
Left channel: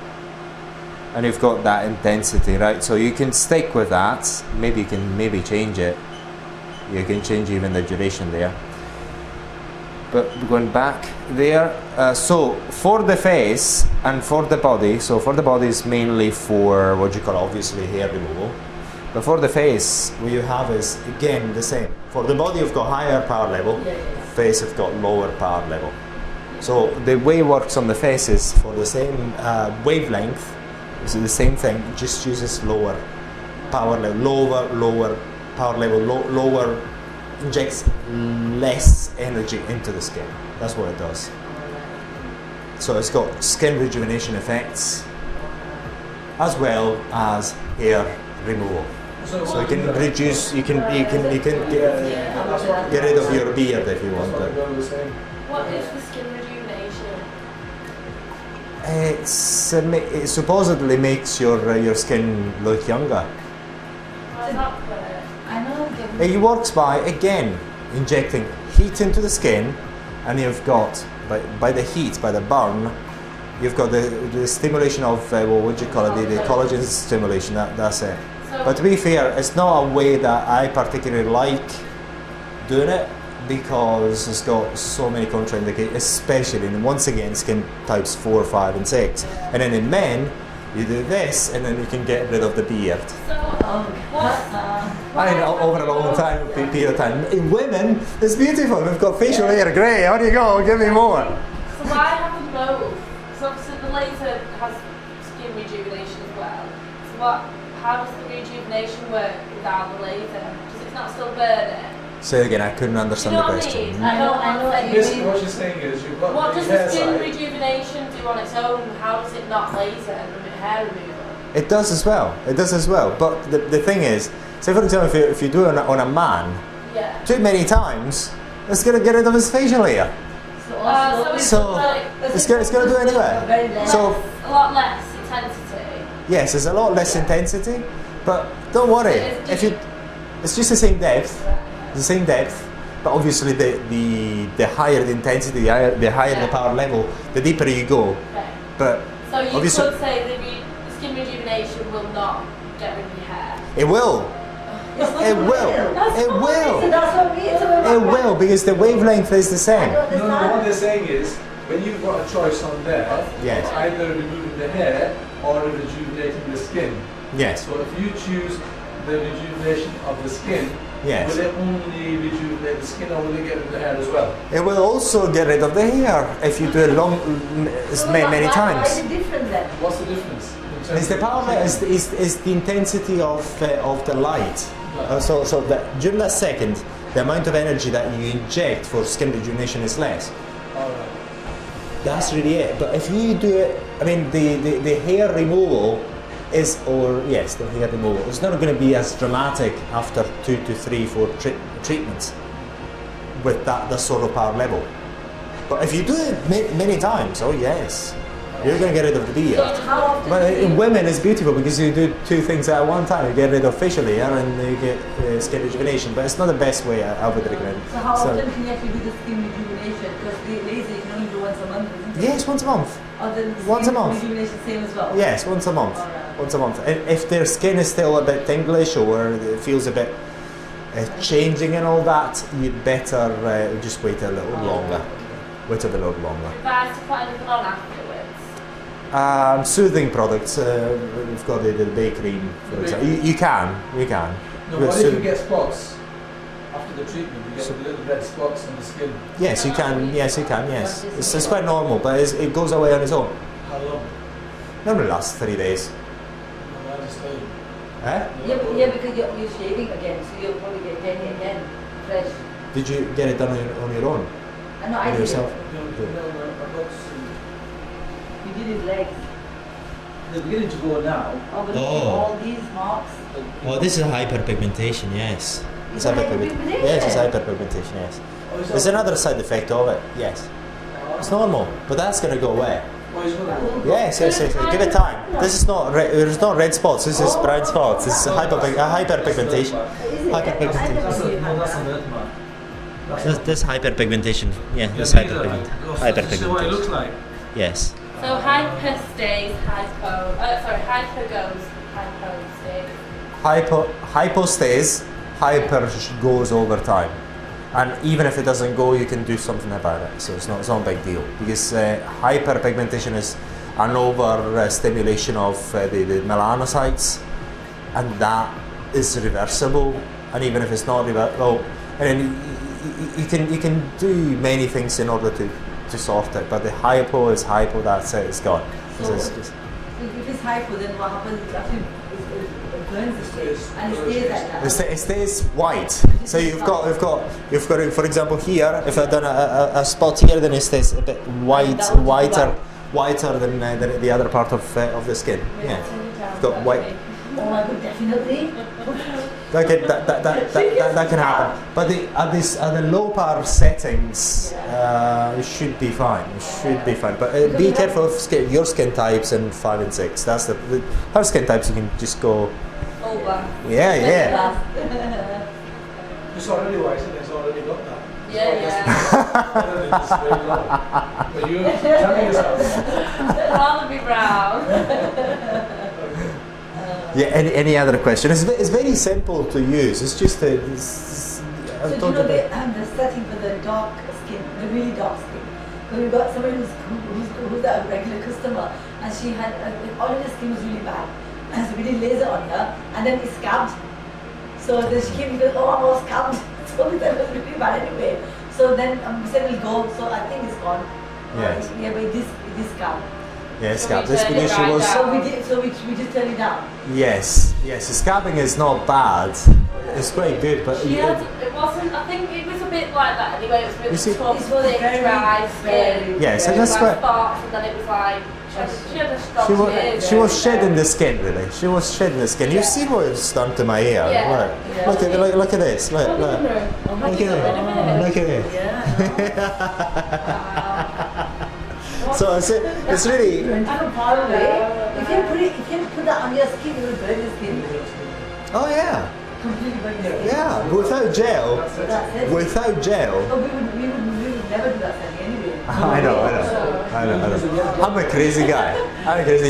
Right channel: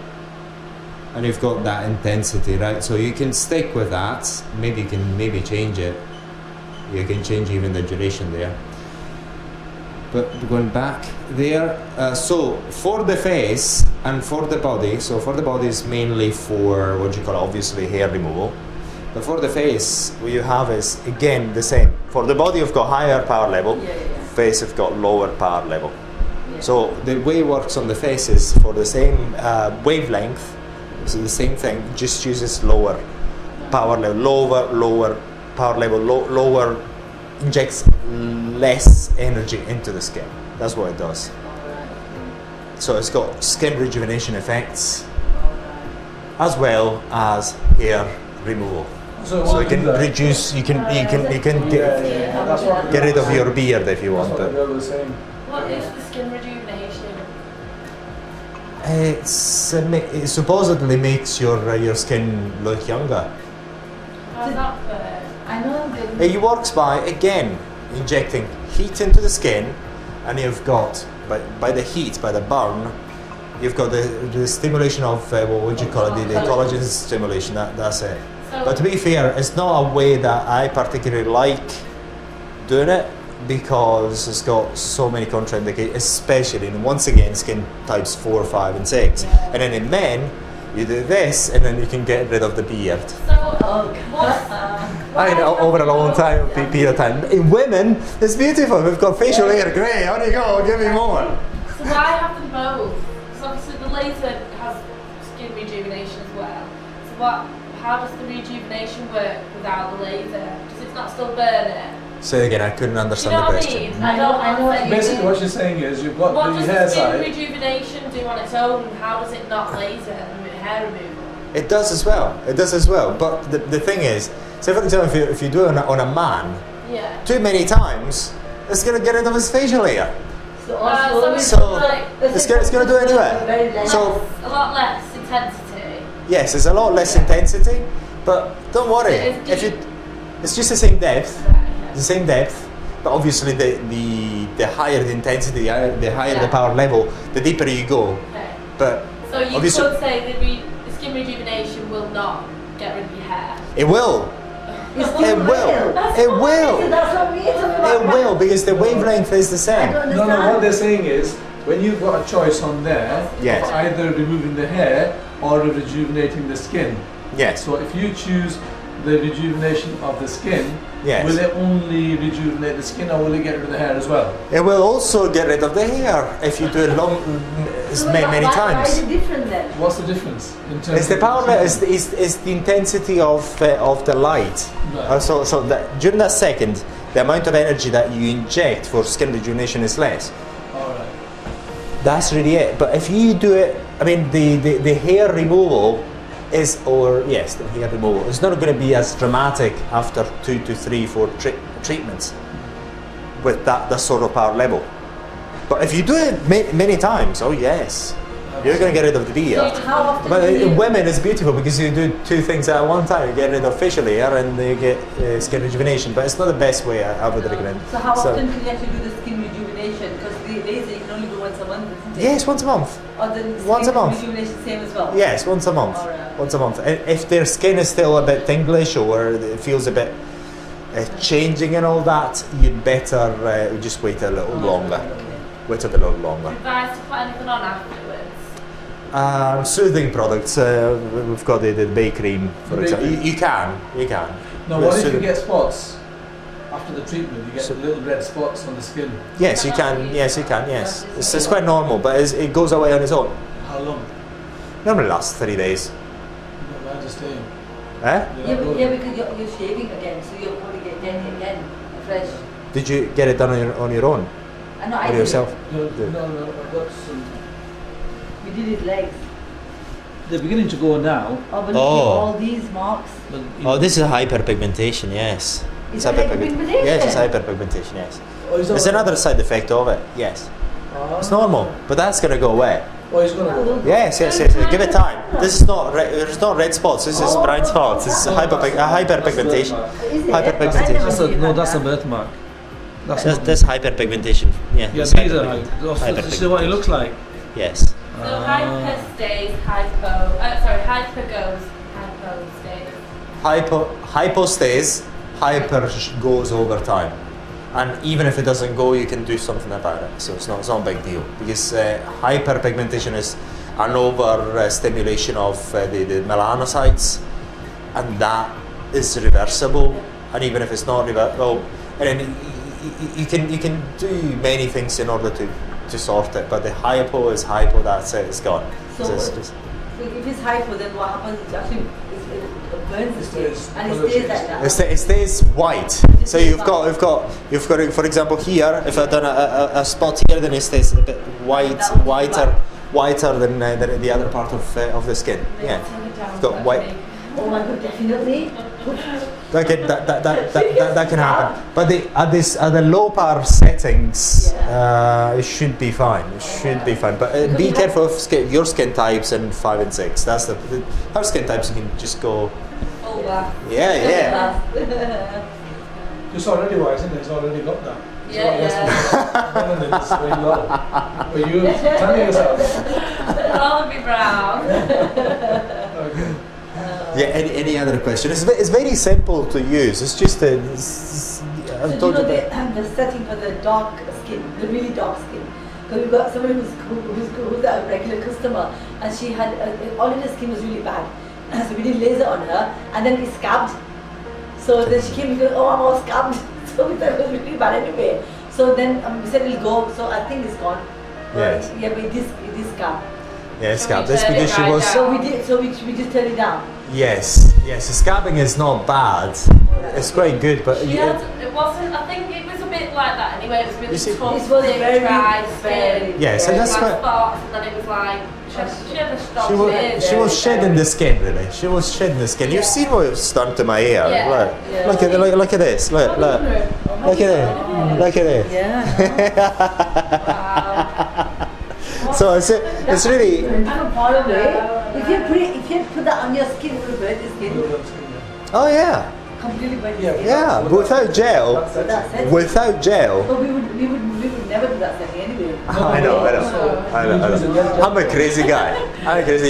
and you've got that intensity, right? So you can stick with that. Maybe you can change it. You can change even the duration there. But going back there, so for the face and for the body, so for the body is mainly for what you call obviously hair removal. But for the face, what you have is again the same. For the body, you've got higher power level. Face, you've got lower power level. So the way it works on the face is for the same wavelength, so the same thing, just uses lower power level, lower power level, lower, injects less energy into the skin. That's what it does. So it's got skin rejuvenation effects as well as hair removal. So you can reduce, you can get rid of your beard if you want to. What is the skin rejuvenation? It supposedly makes your skin look younger. How does that work? I know. It works by, again, injecting heat into the skin, and you've got, by the heat, by the burn, you've got the stimulation of, what would you call it, the collagen stimulation, that's it. So But to be fair, it's not a way that I particularly like doing it, because it's got so many contraindications, especially in, once again, skin types 4, 5 and 6. And then in men, you do this, and then you can get rid of the beard. So what? I know, over a long time, period of time. In women, it's beautiful. We've got facial hair, grey. How do you go? Give me more. So why have them both? So obviously the laser has skin rejuvenation as well. So how does the rejuvenation work without the laser? Does it not still burn it? Say again, I couldn't understand You know the what I question. mean? I know what you mean. Basically, what you're saying is you've got What the does hair the skin side. rejuvenation do on its own? How does it not laser and hair removal? It does as well. It does as well. But the thing is, say for example, if you do it on a man, Yeah. too many times, it's going to get rid of his facial hair. So it's going to do it anyway. So A lot less intensity. yes, it's a lot less intensity, but don't worry. It's just the same depth, the same depth. But obviously, the higher the intensity, the higher the power level, the deeper you go. Okay. But So you obviously, could say the skin rejuvenation will not get rid of your hair. it will. It will. It will. It will, because the wavelength is the same. No, what they're saying is, when you've got a choice on there, Yes. either removing the hair or rejuvenating the skin. Yes. So if you choose the rejuvenation of the skin, Yes. will it only rejuvenate the skin, or will it get rid of the hair as well? It will also get rid of the hair if you do it many Why times. is it different then? What's the difference? In terms It's the of power. It's the intensity of the light. So that during that second, the amount of energy that you inject for skin rejuvenation is less. Alright. That's really it. But if you do it, I mean, the hair removal is, the hair removal is not going to be as dramatic after 2 to 3, 4 treatments with that sort of power level. But if you do it many times, oh yes, you're going to get rid of the beard. How often But do you- in women, it's beautiful because you do 2 things at one time. You get rid of facial hair and you get skin rejuvenation. But it's not the best way I would recommend. So how often can you actually do the skin rejuvenation? Because the laser you can only do once a month, isn't it? Yes, once a month. Or the Once a skin month. rejuvenation same as well? Yes, once a month. Alright. Once a month. And if their skin is still a bit tinglish or it feels a bit changing and all that, you'd better just wait a little longer. Wait a little longer. Advice to put anything on afterwards. Soothing products. We've got the bay cream, for The bay example. You can. Now, what if you get spots after the treatment? You get little red spots on the skin. Yes, you can. Yes, you can. Yes, it's quite normal, but it goes away on its own. How long? Normally lasts 3 days. No, I understand. Eh? Yeah, because you're shaving again, so you're going to get getting it again, fresh. Did you get it done on your own? I know I Or did yourself? No, I've got some. it. You did his legs. They're beginning to go now. Oh, but look at Oh. all these marks. Oh, this is hyperpigmentation. Yes. Is that hyperpigmentation? Yes, it's hyperpigmentation. Yes. Oh, is that It's another side effect of it. Yes. It's normal, but that's going to go away. Oh, he's going to go. Yes. Give it time. This is not there's not red spots. This is bright spots. This is hyperpigmentation. Hyperpigmentation. No, that's a birthmark. This hyperpigmentation. Yeah, this This is what it hyperpigmentation. looks like. Yes. So hyper stays, hyper goes, hypo stays. Hypo stays. Hyper goes over time. And even if it doesn't go, you can do something about it. So it's not a big deal, because hyperpigmentation is an over stimulation of the melanocytes, and that is reversible. And even if it's not reversible, and then you can do many things in order to sort it. But the hypo is hypo. That's it. It's gone. So if it's hypo, then what happens? It actually it burns the stage, and it stays like that. It stays white. So you've got for example here. If I've done a spot here, then it stays a bit whiter than the other part of the skin. Yeah, you've got white. Oh my god, definitely. That can happen. But at the low power settings, it should be fine. It should be fine. But be careful of your skin types and 5 and 6. That's her skin types. You can just go. All black. Yeah. It's already white, isn't it? It's already got that. Yeah. But you tell me yourself. I'd rather be brown. Yeah. Any other question? It's very simple to use. It's just So the setting for the dark skin, the really dark skin. Because we've got somebody who's a regular customer, and she had all of her skin was really bad. So we did laser on her, and then it scabbed. So then she came and goes, oh, I'm all scabbed. So we thought it was really bad anyway. So then we said we'll go. So I think it's gone. Yeah. But it is scabbed. Yeah, So scab. we That's turned because it she right was. down. So we just turned it down. Yes. Scabbing is not bad. It's quite good, but It wasn't. I think it was a bit like that anyway. It was really You see- tough, This was thick, very, dry very- skin. Yes, and It was that's like what- spots, and then it was like she had a strong skin. she was shedding the skin, really. She was shedding the skin. You've seen what it's done to my hair. Yeah. Look at this. Look Oh my at it. God. Look at it. Yeah. Wow. So it's really. From far away. If you put that on your skin, you will burn your skin. Oh yeah. Completely burn your skin. Yeah, but without gel. So that's it. Without gel. But we would never do that thing anyway. I know. I'm a crazy guy. I'm crazy.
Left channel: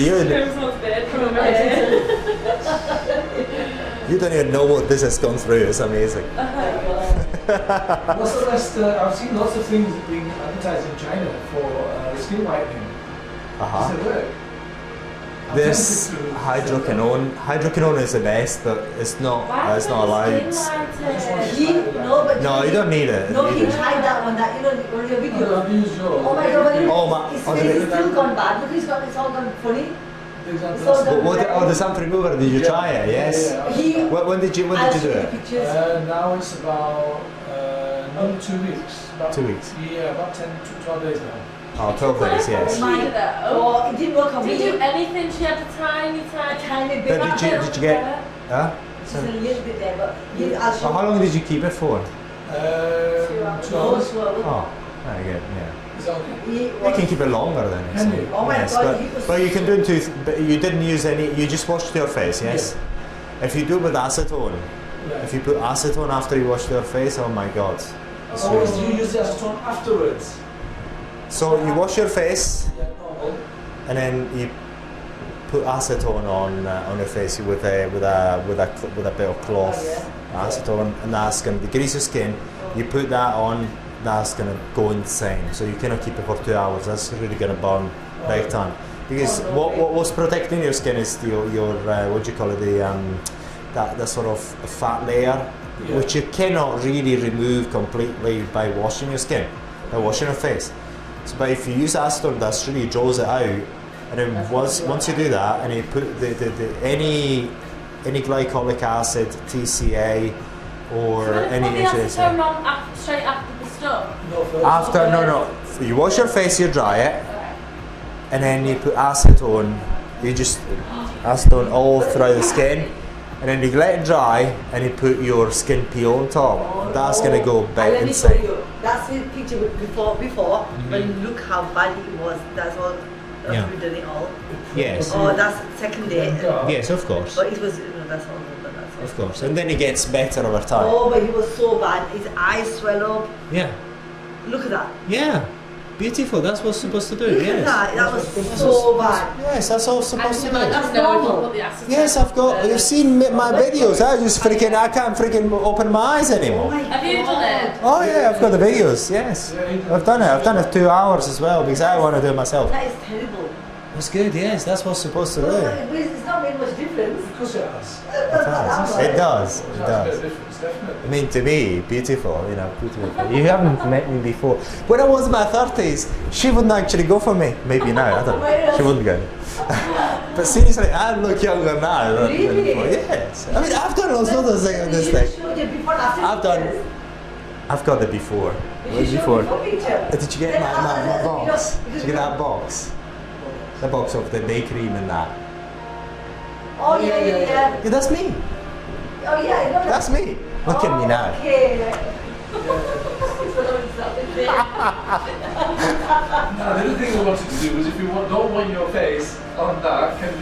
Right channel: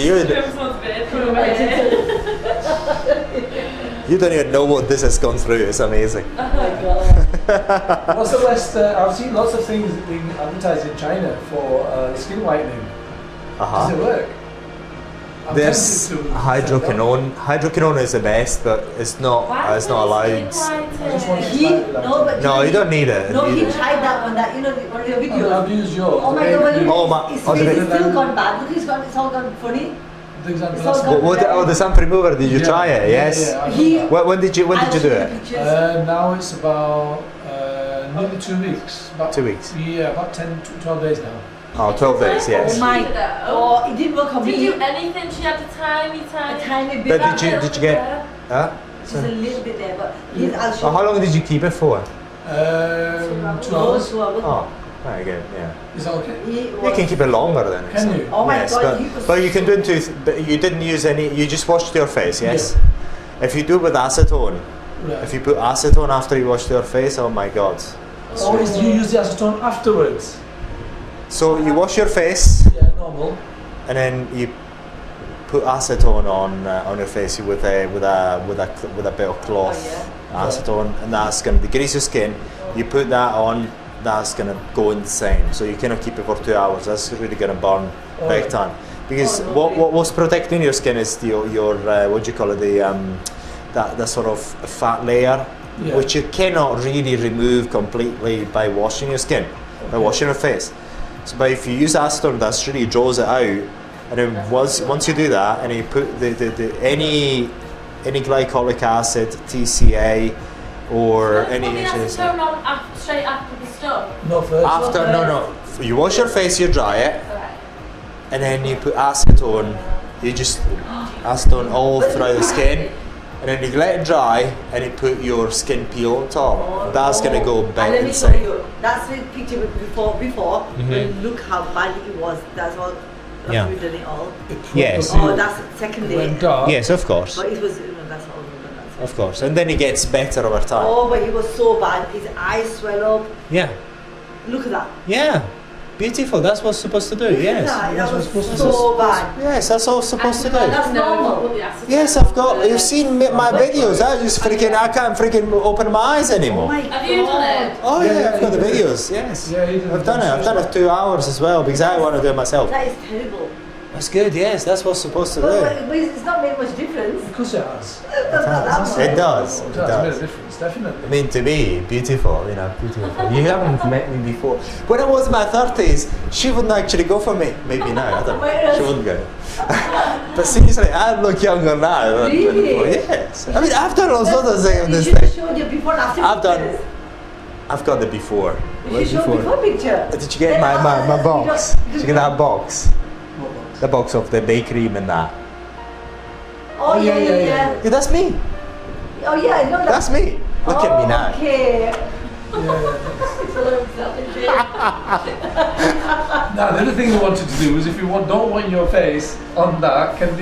You don't even know what this has gone through. It's amazing. Oh my God. What's the best? I've seen lots of things being advertised in China for skin whitening. Does it work? I'm There's tempted to- hydroquinone. Hydroquinone is the best, but it's not allowed. No, you don't need it. No, he You don't- tried that one. That on your video. I've used yours. Oh my God! Well, his oh, face the- is still gone bad. Look, it's all gone funny. The example. So the sun remover? Did you try it? Yes. Yeah. When did you do it? Now it's about nearly 2 weeks. About, 2 weeks. Yeah, about 10 to 12 days now. Oh, 12 days. Oh Yes. my God! It didn't work on Did me. you do anything? She had a tiny. A tiny bit. But did you get? Huh? Just a little bit there, but I'll show So how long did you keep it for? 2 hours. 2 hours. Oh, very good. Yeah. Is that okay? You can keep it longer then. Can you? Oh my Yes, God, he was- but you can do it but you didn't use any. You just washed your face. Yes. If you do with acetone, Yeah. if you put acetone after you washed your face, oh my God. It's Oh, really- you use the acetone afterwards? So you wash your face Yeah, normal. and then you put acetone on your face with a bit of cloth, acetone, and that's gonna degrease your skin. You put that on, that's gonna go insane. So you cannot keep it for 2 hours. That's really gonna burn big time. Because what's protecting your skin is your what do you call it, that sort of fat layer, Yeah. which you cannot really remove completely by washing your skin, by washing your face. So, but if you use acetone, that really draws it out, and then once you do that, and you put any glycolic acid, TCA, or any acetone on straight after the stuff. No, first. after no, you wash your face, you dry it, and then you put acetone. You just acetone all throughout the skin, and then you let it dry, and you put your skin peel on top. That's gonna go And back let me show inside. you. That's the picture before. But look how bad it was. That's all. That's Yeah. we done it all. Yes. Oh, that's second day. Yes, of course. But it was. That's all. That's all. Of course. And then it gets better over time. Oh, but he was so bad. His eyes swell up. Yeah. Look at that. Yeah. Beautiful. That's what's supposed to do. Look Yes. at that. That was so bad. Yes, that's all it's supposed to do. That's normal. Put the acid Yes, I've got. You've seen my videos. I can't freaking open my eyes Oh anymore. my Have you done it? Oh yeah, I've got the videos. Yes, Yeah, you did. I've done it. I've done it 2 hours as well because I want to do it myself. That is terrible. That's good. Yes, that's what's supposed to do. But it's not made much difference. Because it has. It does. It It has made a does. difference, definitely. I mean, to me, beautiful. You know, beautiful. You haven't met me before. When I was in my 30s, she wouldn't actually go for me. Maybe now, I don't know. She wouldn't go. But seriously, I look younger now than Really? before. Yes. I mean, I've done all sorts of things on You this should have thing. showed your before and after I've done. pictures. I've got the before. You Way should show before. before picture. Did you get my box? Did you get that box? The box of the bakery and that. Oh yeah. Yeah, that's me. Oh yeah, I know that. That's me. Look at me now. Okay. Now, the other thing I wanted to do was if you don't want your face on that, can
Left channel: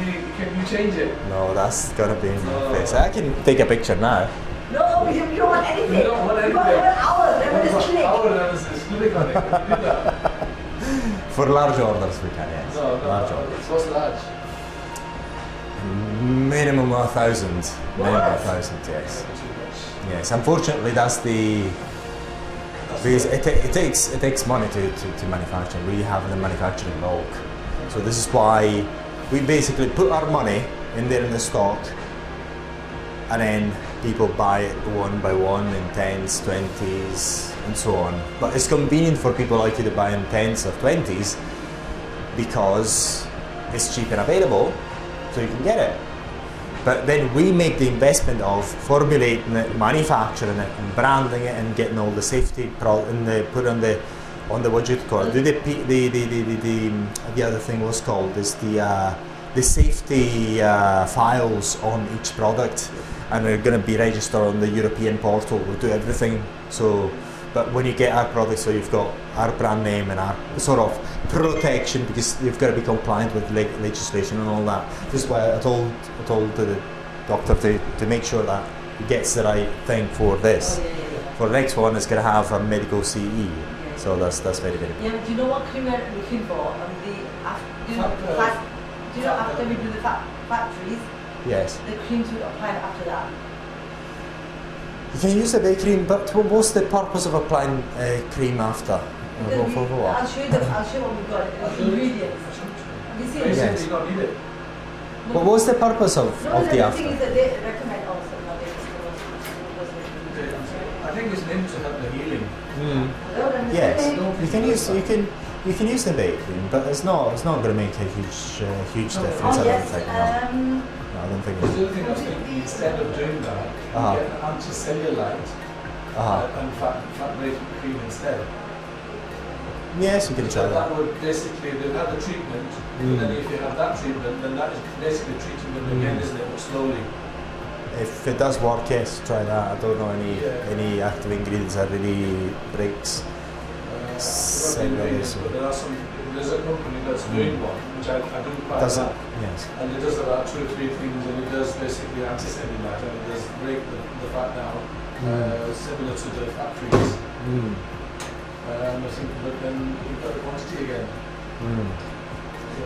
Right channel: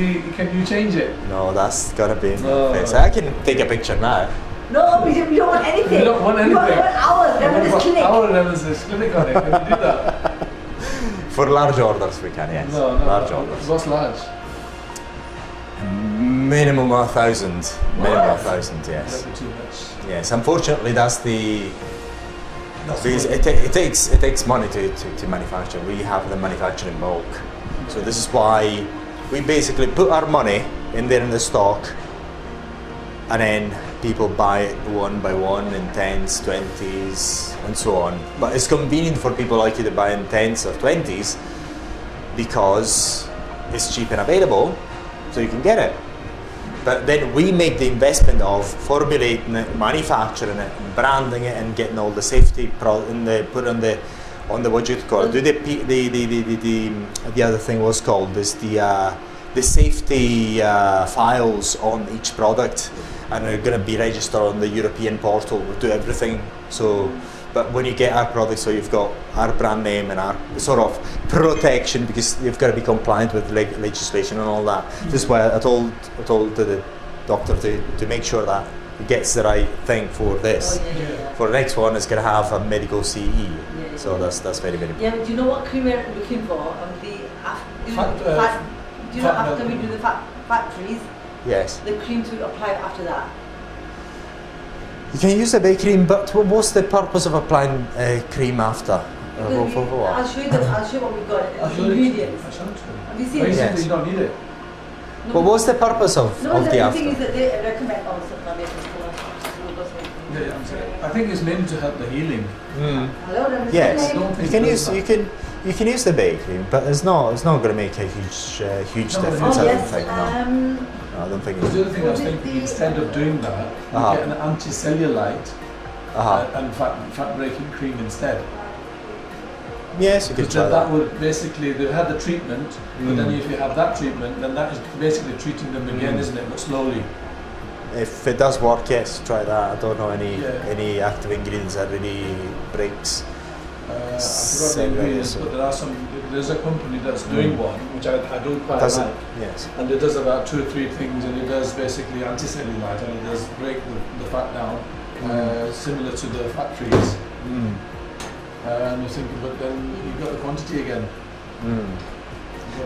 you change it? No, that's gonna be in my Oh. face. I can take a picture now. No, you don't want anything. You don't want You want anything. 1 hour, then when it's clinic. Our analysis clinic on it. Can you do that? For large orders, we can, yes. No, Large orders. What's large? Minimum 1,000. Minimum 1,000, yes. Too much. Yes, unfortunately, that's the. Because it takes money to manufacture. We have the manufacture in bulk. So this is why we basically put our money in there in the stock, and then people buy it one by one in 10s, 20s, and so on. But it's convenient for people like you to buy in 10s or 20s because it's cheap and available, so you can get it. But then we make the investment of formulating it, manufacturing it, and branding it, and getting all the safety put on the what you call it. The other thing was called is the safety files on each product, and they're going to be registered on the European portal. We'll do everything. So, but when you get our product, so you've got our brand name and our sort of protection, because you've got to be compliant with legislation and all that. This is why I told the doctor to make sure that he gets the right thing for this. Oh, yeah. For the next one, it's going to have a medical CE. So that's very very Yeah, important. but do you know what cream we're looking for? After we do the factories, Yes. the cream to apply after that. You can use the bay cream, but what's the purpose of applying cream after? Because For what? I'll show you what we got. Ingredients. Have you seen But you it? said Yes. that you don't need it. No. But what's the purpose of No, the the after? thing is that they recommend also. I think it's named to help the healing. Mm. Hello, then, Mr. Yes, Lane. you can use the bay cream, but it's not going to make a huge No, difference. Oh, I don't yes. think. No, I don't think. The It other thing I was thinking, instead of doing that, you Uh-huh. get an anti-cellulite and fat breaking cream instead. Yes, you can So try that that. would basically, they've had the treatment, but then if you have that treatment, then that is basically treating them again, isn't it? But slowly. If it does work, yes, try that. I don't know Yeah. any active ingredients that really breaks. I forgot the Cellulite, ingredients, so- but there's a company that's doing one, which I don't quite Does it? like. Yes. And it does about 2 or 3 things, and it does basically anti-cellulite, and it does break the fat down, similar to the factories. Mm. And I think, but then you've got the quantity again. Mm.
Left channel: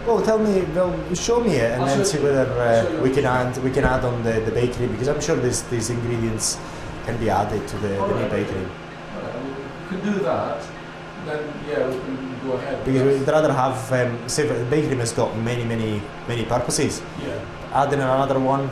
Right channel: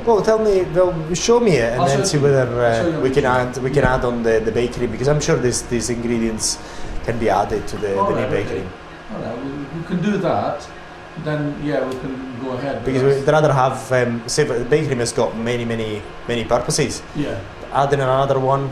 Well, show me it, and I'll then show see you. whether I'll show you. we can add on the bakery, because I'm sure these ingredients can be added to the new Alright, bakery. Alright, we could do that, then yeah, we can go ahead. Because we'd rather have, say, the bakery has got many purposes. Yeah. Adding another one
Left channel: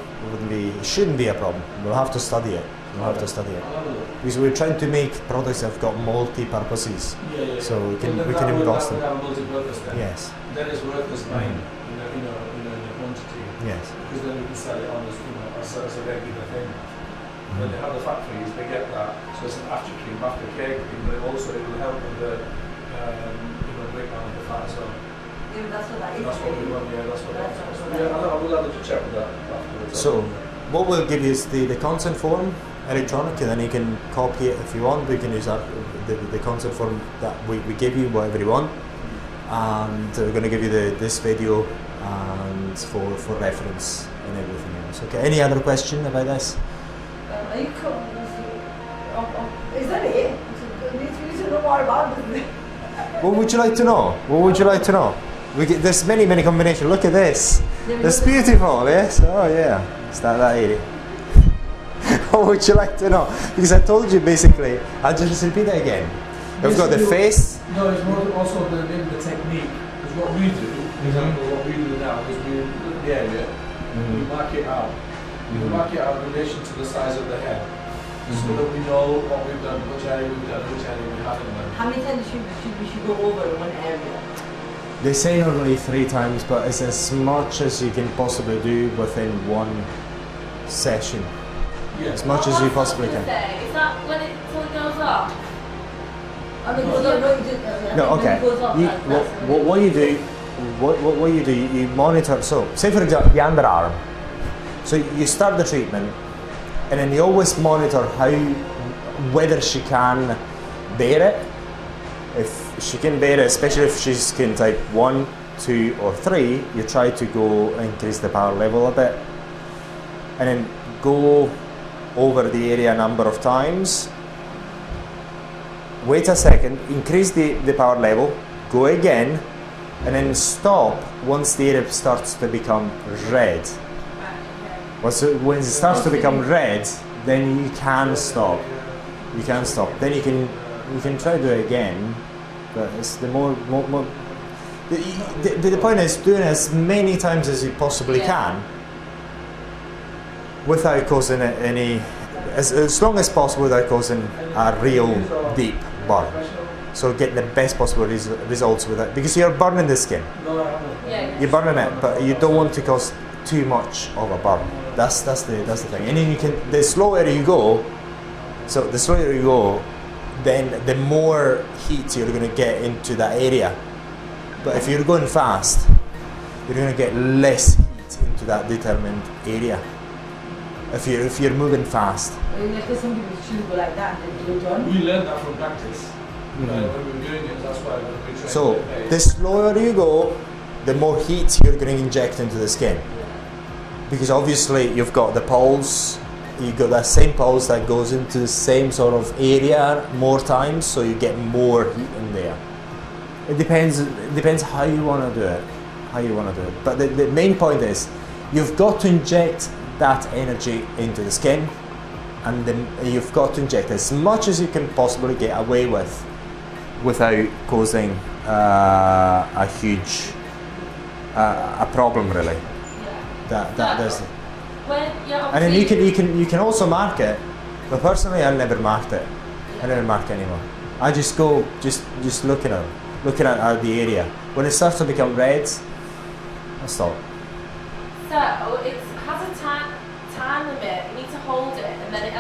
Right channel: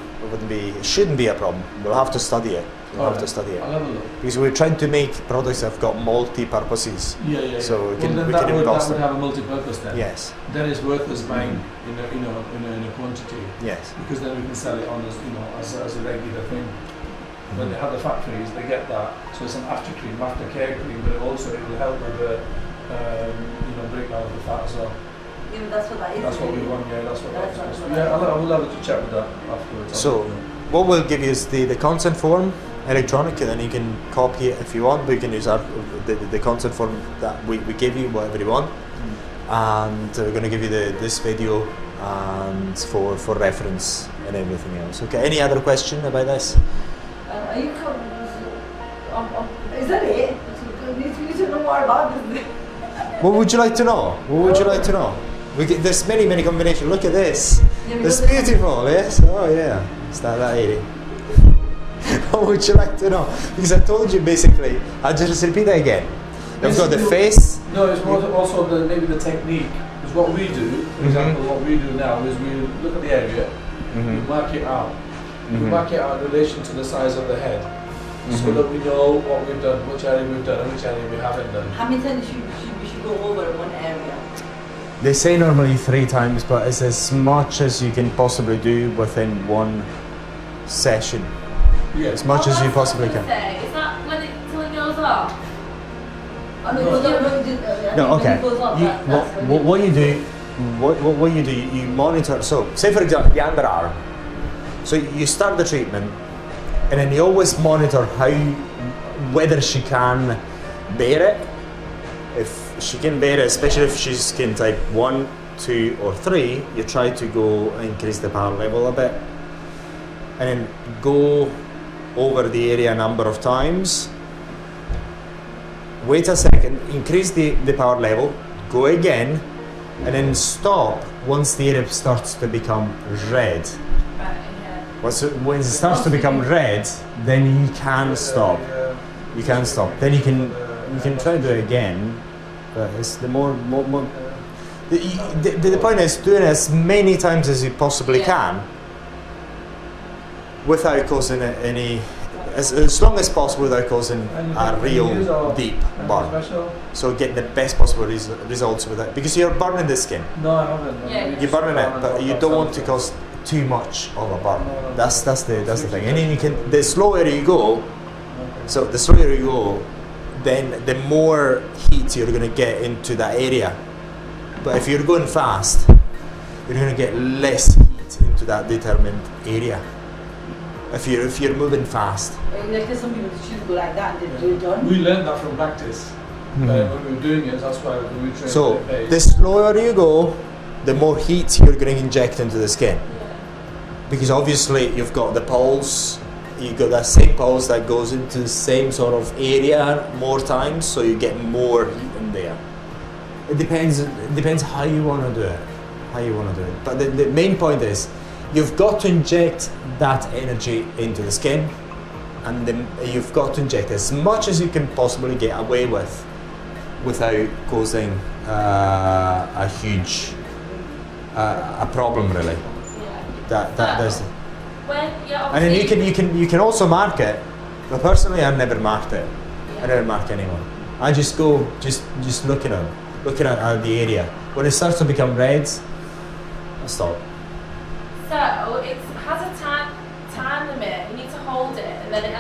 shouldn't be a problem. We'll have to study it. We'll have to study it. I'll have a look. Because we're trying to make products that have got multi-purposes. Yeah. So we can then we that can would, emboss that would them. have a multi-purpose then. Yes. Then it's worth us buying Mhm. in a quantity, Yes. because then we can sell it on as as a regular thing. When they have the factories, they get that. So it's an after cream, aftercare cream, but it will help with the breakdown of the fat as well. Yeah, that's what that is. That's what we want. Yeah, that's what That's that's. what Yeah, that I'll have to check with that afterwards. So what we'll give you is the consent form, electronic, and then you can copy it if you want, but you can use the consent form that we give you, whatever you want. And we're going to give you this video and for reference and everything else. Okay, any other question about this? Are you is that it? You need to know more about this. What would you like to know? What would you like to know? There's many combinations. Look at this. It's beautiful, yes? Oh yeah, it's that area. What would you like to know? Because I told you basically, I'll just repeat it again. You've got the face. No, it's more also maybe the technique. Because what we do, for example, what we do now is we look at the area, we mark it out. We mark it out in relation to the size of the head. So that we know what we've done, which area we've done, and which area we haven't done. How many times we should go over one area? They say normally 3 times, but it's as much as you can possibly do within one session. Yeah. As much as you possibly can. Is that when it till it goes off? No, okay. What you do, you monitor. So, say for example, the underarm. So you start the treatment, and then you always monitor whether she can bear it. If she can bear it, especially if she's skin type 1, 2, or 3, you try to go increase the power level a bit, and then go over the area a number of times. Wait a second, increase the power level, go again, and then stop once the area starts to become red. When it starts to become red, then you can stop. You can stop. Then you can try to do it again, but it's the more the point is doing it as many times as you possibly can without causing any, as long as possible without causing a real deep burn. So get the best possible results with it, because you're burning the skin. No, I haven't. Yeah. You're burning it, but you don't want to cause too much of a burn. That's the thing. And then you can, the slower you go, then the more heat you're going to get into that area. But if you're going fast, you're going to get less heat into that determined area. If you're moving fast. Like some people choose go like that and they do it done. We learned that from practice. When we were doing it, that's why when we trained. So the slower you go, the more heat you're going to inject into the skin. Because obviously you've got the pulse, you've got that same pulse that goes into the same sort of area more times, so you get more heat in there. It depends how you want to do it. But the main point is, you've got to inject that energy into the skin, and then you've got to inject as much as you can possibly get away with without causing a huge a problem, really. There's, and then you can also mark it, but personally I've never marked it. I never mark anymore. I just go just looking at the area. When it starts to become red, I stop. So it has a time limit. You need to hold it, and then it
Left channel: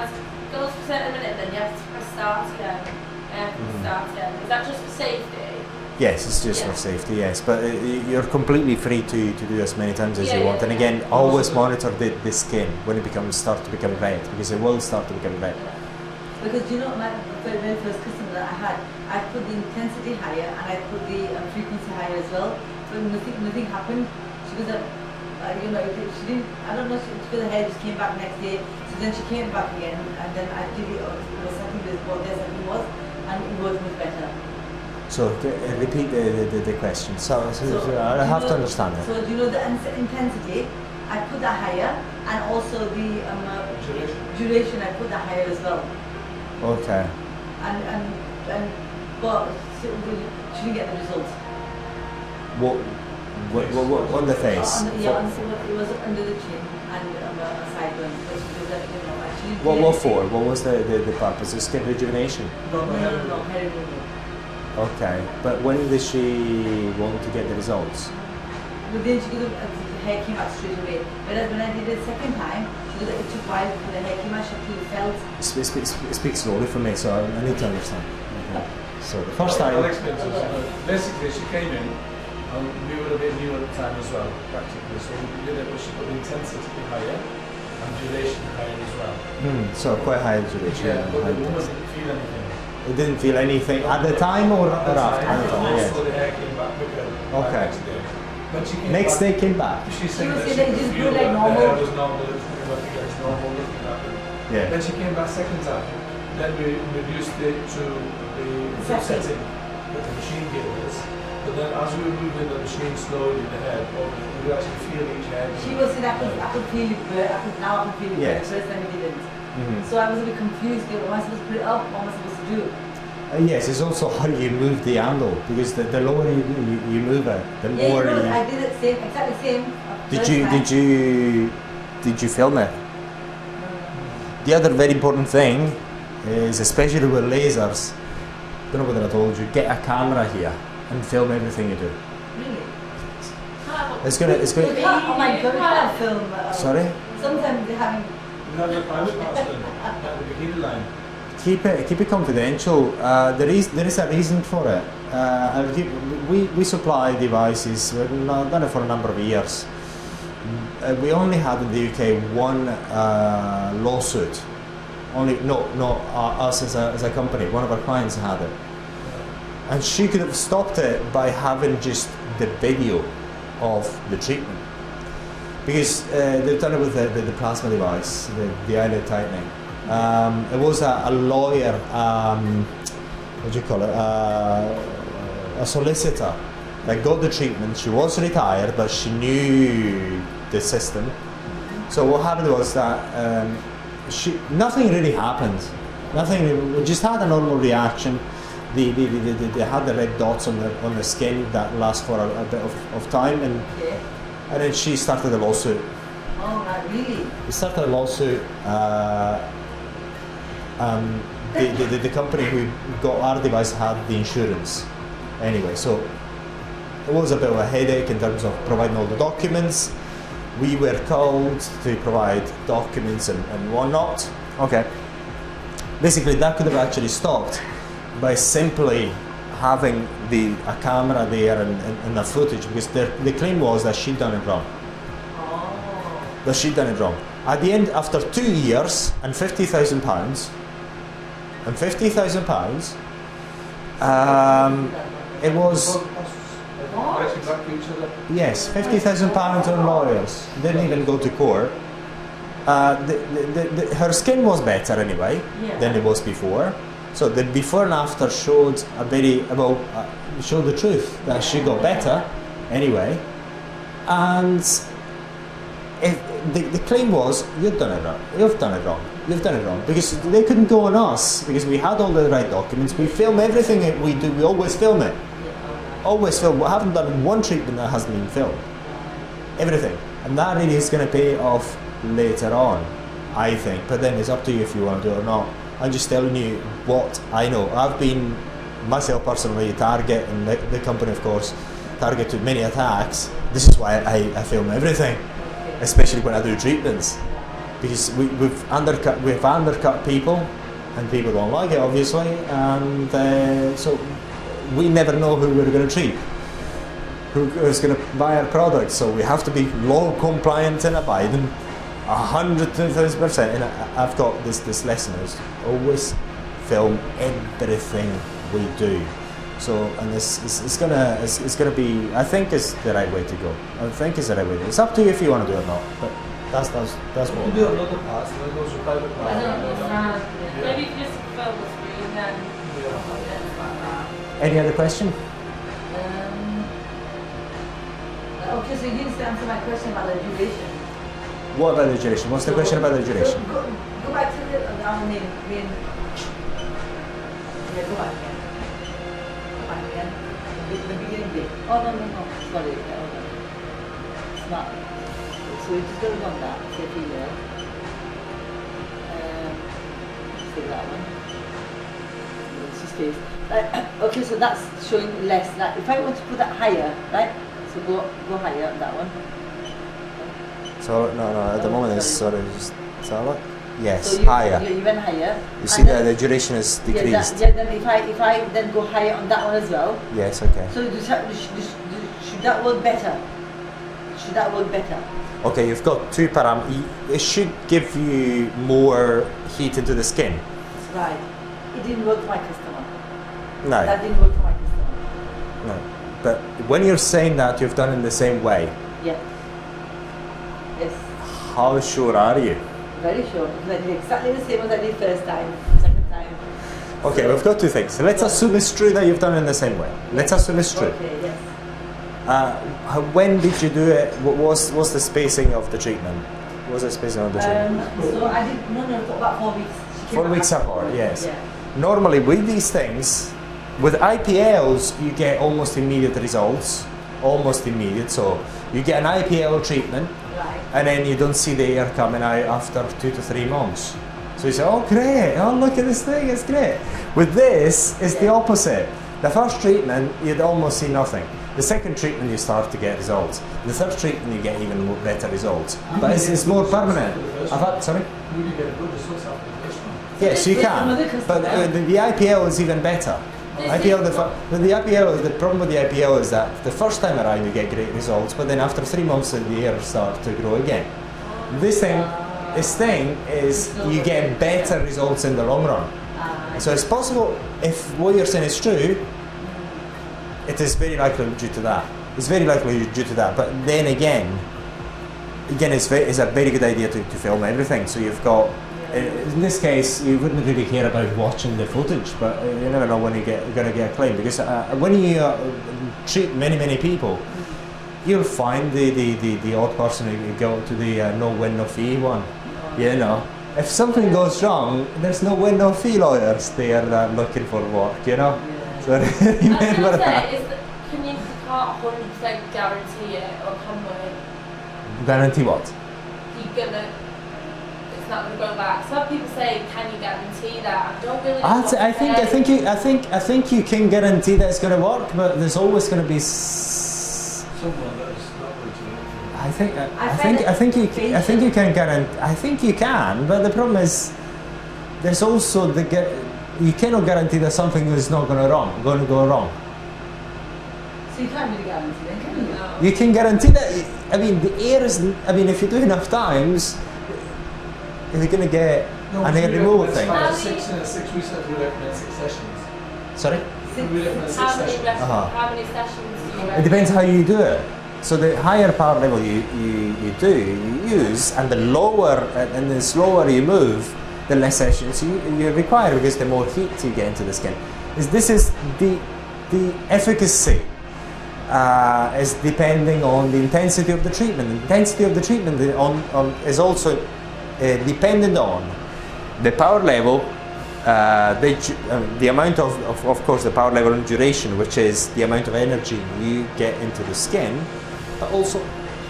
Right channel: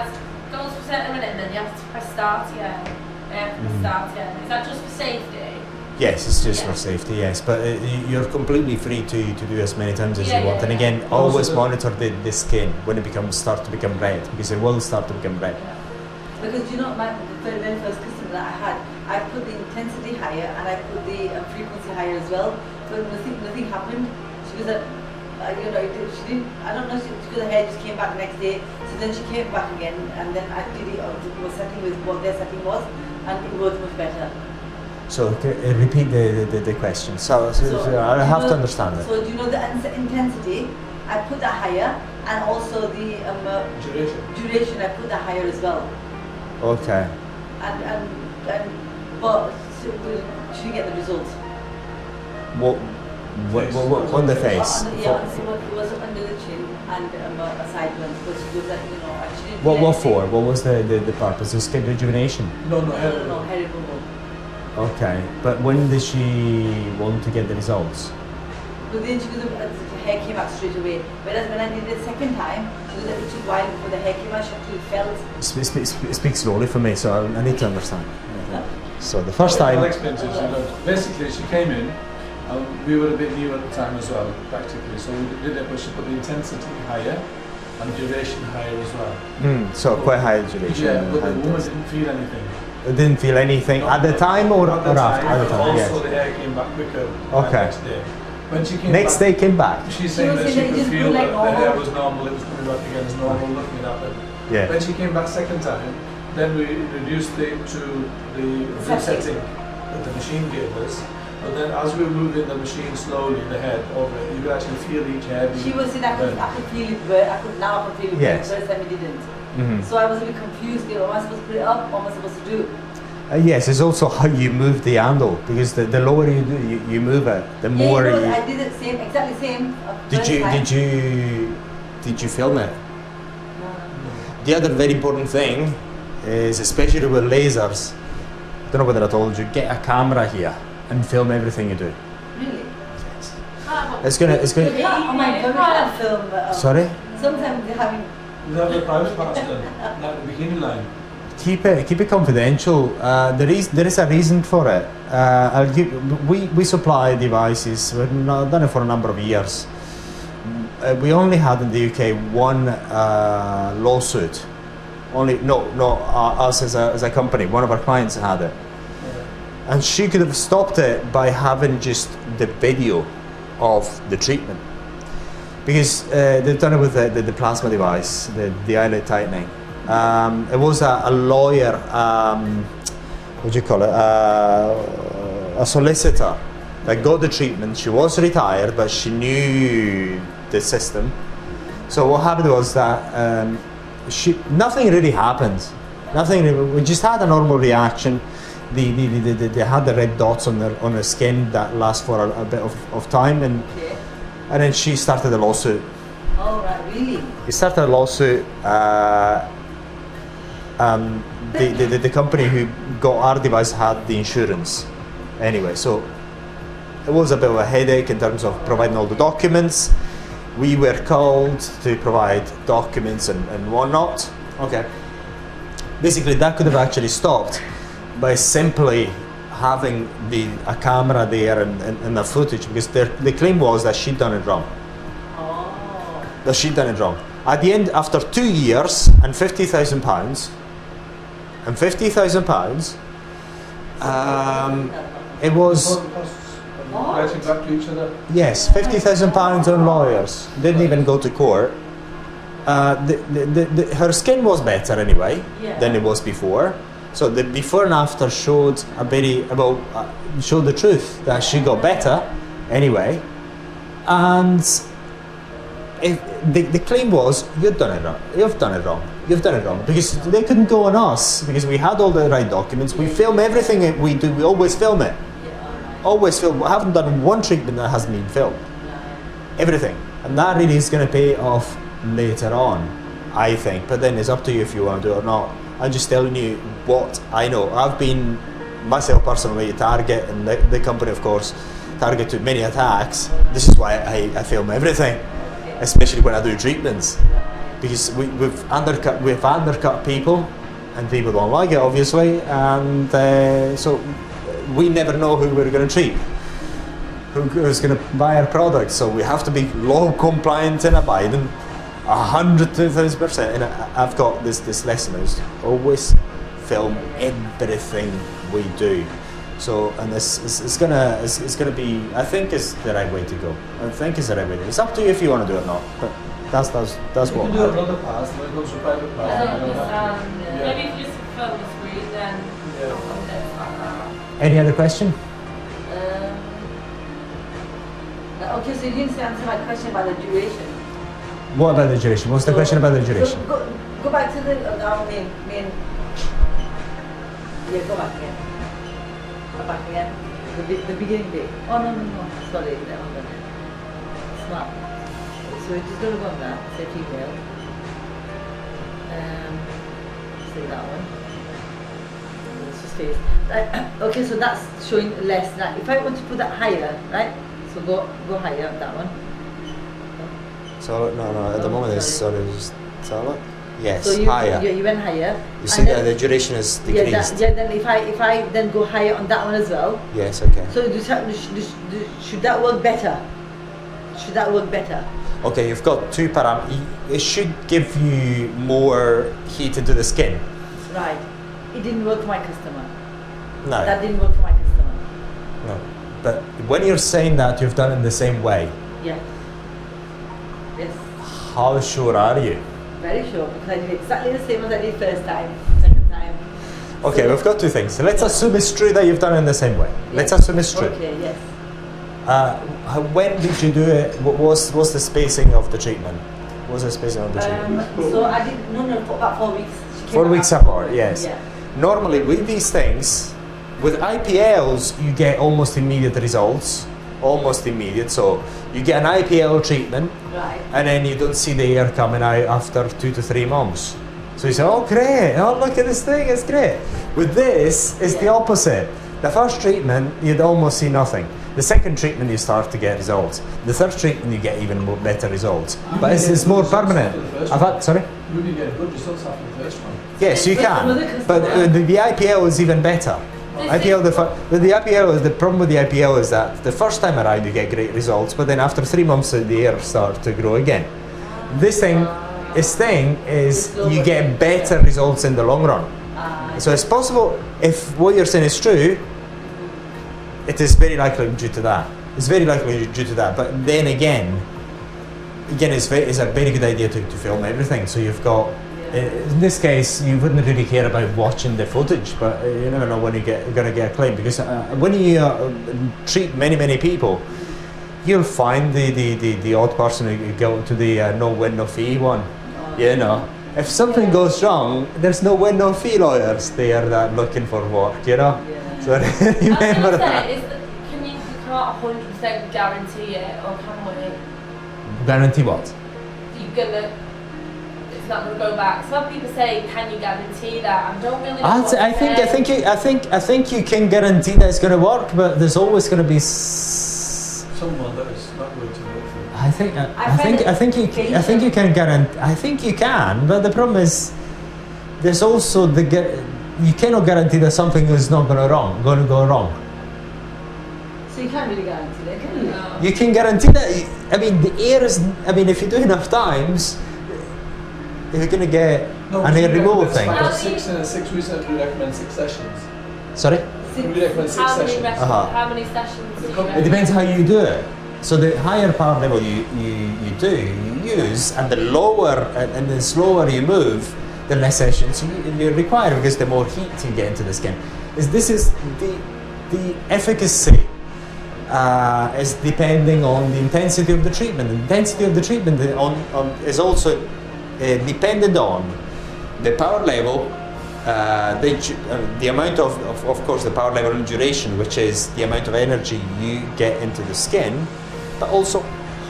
goes for a certain minute, and then you have to press start again. Is that just for safety? Yes, it's just for safety, yes. But you're completely free to do as many times as you want. And again, always monitor the skin when it starts to become red, because it will start to become red. Because the very first customer that I had, I put the intensity higher and I put the frequency higher as well. But nothing happened. She was she didn't. I don't know. Because the hair just came back next day. So then she came back again, and then I did it. Was setting with what their setting was, and it was much better. So repeat the question. So I have to understand it. So do you know the intensity? I put that higher, and also the duration. I put that higher as well. Okay. But she didn't get the results. What on the face? It was under the chin and a side one. Which was actually. What for? What was the purpose? Of skin rejuvenation? No, hair removal. Okay, but when did she want to get the results? Then the hair came out straight away. Whereas when I did it the second time, it took a while before the hair came out. She actually felt. Speak slowly for me, so I need to understand. Okay. So the first time. Basically, she came in, and we were a bit new at the time as well, practically. So we did it, but she put the intensity higher, and duration higher as well. So quite high duration. Yeah, but high the woman test. didn't feel anything. It didn't feel anything at the time or after? At the time, yes. Also, the hair came back quicker. Okay. Next day. When she came Next back, day came back. she said was that saying she that it could just feel grew like that the normal. hair was normal, it was coming back again as normal, nothing happened. Yeah. When she came back second time, then we reduced it to the setting that the machine gave us. But then as we were moving the machine slowly in the head over, you could actually feel each hair. She was saying I could feel it, but now I can feel it. Yes. The first time I didn't. Mhm. So I was a bit confused. What am I supposed to put it up? What am I supposed to do? Yes, it's also how you move the handle, because the lower you do, you move it, the more yeah, you. I did it same, exactly same. Did you film it? The other very important thing is, especially with lasers, I don't know whether I told you, get a camera here and film everything you do. Really? It's gonna. Oh my God, we can't film. Sorry. Sometimes they're having. We have the private parts done, like the bikini line. Keep it confidential. There is a reason for it. We supply devices. We've done it for a number of years. We only had in the UK one lawsuit. Us as a company. One of our clients had it, and she could have stopped it by having just the video of the treatment, because they've done it with the plasma device, the eyelid tightening. It was a lawyer, what do you call it, a solicitor that got the treatment. She was retired, but she knew the system. So what happened was that nothing really happened. We just had a normal reaction. They had the red dots on their skin that last for a bit of time, and then she started a lawsuit. Oh, right, really? We started a lawsuit. The company who got our device had the insurance anyway, so it was a bit of a headache in terms of providing all the documents. We were called to provide documents and whatnot. Okay, basically that could have actually stopped by simply having a camera there and the footage, because the claim was that she'd done it wrong. That she'd done it wrong. At the end, after 2 years and £50,000, it was, Writing back to each other. yes, £50,000 on lawyers. Didn't even go to court. Her skin was better anyway than it was before. So the before and after showed showed the truth that she got better anyway. And if the claim was, you've done it wrong, because they couldn't go on us, because we had all the right documents. We film everything that we do. We always film it. Always film. We haven't done one treatment that hasn't been filmed. Everything. And that really is going to pay off later on, I think. But then it's up to you if you want to do it or not. I'm just telling you what I know. I've been myself personally a target, and the company, of course, target to many attacks. This is why I film everything, especially when I do treatments, because we've undercut people, and people don't like it, obviously, and so we never know who we're going to treat, who's going to buy our product. So we have to be law compliant and abiding 100,000%. And I've got this lesson is always film everything we do. So, and it's gonna be, I think it's the right way to go. It's up to you if you want to do it or not, but that's what You can do another pass, and it goes to private pass. I don't understand. Maybe if you just film the screen, then like that. Any other question? Okay, so you didn't answer my question about the duration. What about the duration? What's the question about the duration? Go back to our main. Yeah, go back again. Go back again. The beginning bit. Oh no. Sorry. Hold on. It's not. So we're just going to go on that. Say female. Say that one. It's just face. Okay, so that's showing less. Now, if I want to put that higher, right? So go higher on that one. So no. At the moment it's just look. Yes, so higher. You went higher. You see that the duration is decreased. Then if I then go higher on that one as well. Yes. Okay. So should that work better? should that work better? Okay, you've got two parameters. It should give you more heat into the skin. Right. It didn't work for my customer. No, That didn't work for my customer. no. But when you're saying that you've done it in the same way, Yeah. Yes. how sure are you? Very sure, because I did exactly the same as I did first time, second time. Okay, we've got two things. So let's assume it's true that you've done it in the same way. Let's assume it's true. Okay, yes. When did you do it? What was the spacing of the treatment? What was the spacing of the treatment? So I did, no, for about 4 weeks. She came 4 back weeks after apart, yes. Yeah. Normally with these things, with IPLs, you get almost immediate results. Almost immediate. So you get an IPL treatment, Right. and then you don't see the hair coming out after 2 to 3 months. So you say, oh great, oh look at this thing, it's great. With this, it's the opposite. The first treatment, you'd almost see nothing. The second treatment, you start to get results. The third treatment, you get even more better results. But it's more permanent. I've had, sorry? You really get good results after the first one. Yes, you can. But the IPL is even better. The problem with the IPL is that the first time around you get great results, but then after 3 months the hair starts to grow again. This thing is you get better results in the long run. So it's possible, if what you're saying is true, it is very likely due to that. It's very likely due to that. But then again, it's a very good idea to film everything. So you've got, in this case, you wouldn't really care about watching the footage, but you never know when you're going to get a claim. Because when you treat many people, you'll find the odd person who go to the no win no fee one. You know, if something goes wrong, there's no win no fee lawyers there that looking for work. You know, so remember that. Is that can you can't 100% guarantee it, or can we? Guarantee what? It's not gonna go back. Some people say, can you guarantee that? I don't really know I think you can guarantee that it's going to work, but there's always going to be Someone that is not going to do anything. I think you can guarantee. I think you can, but the problem is there's also you cannot guarantee that something is not going to go wrong. So you can't really guarantee that, can you? No. You can guarantee that. I mean, the air is. I mean, if you do enough times, you're going to get an air removal thing. Like 6 weeks, we recommend 6 sessions. Sorry. We recommend 6 sessions. How many sessions do you It depends how you do it. So the higher power level you use, and the lower and the slower you move, the less sessions you require, because the more heat you get into the skin. This is the efficacy is depending on the intensity of the treatment. The intensity of the treatment is also dependent on the power level, the amount of course, the power level and duration, which is the amount of energy you get into the skin, but also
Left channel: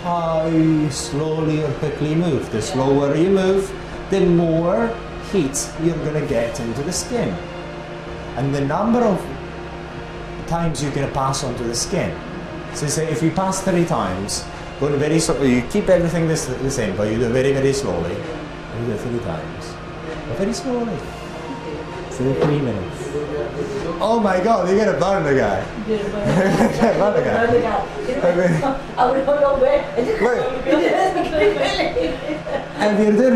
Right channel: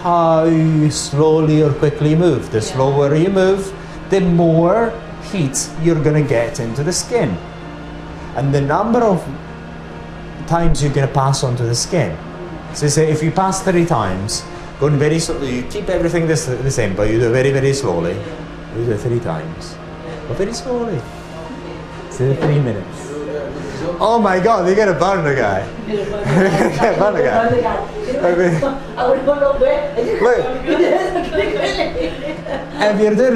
how slowly or quickly you move. The slower you move, the more heat you're going to get into the skin, and the number of times you're going to pass onto the skin. So say if you pass 3 times, going very you keep everything the same, but you do it very slowly. You do it 3 times, but very slowly. Say 3 minutes. Oh my God, you're gonna burn the guy. Burn the guy. I would go nowhere. Look. If you're doing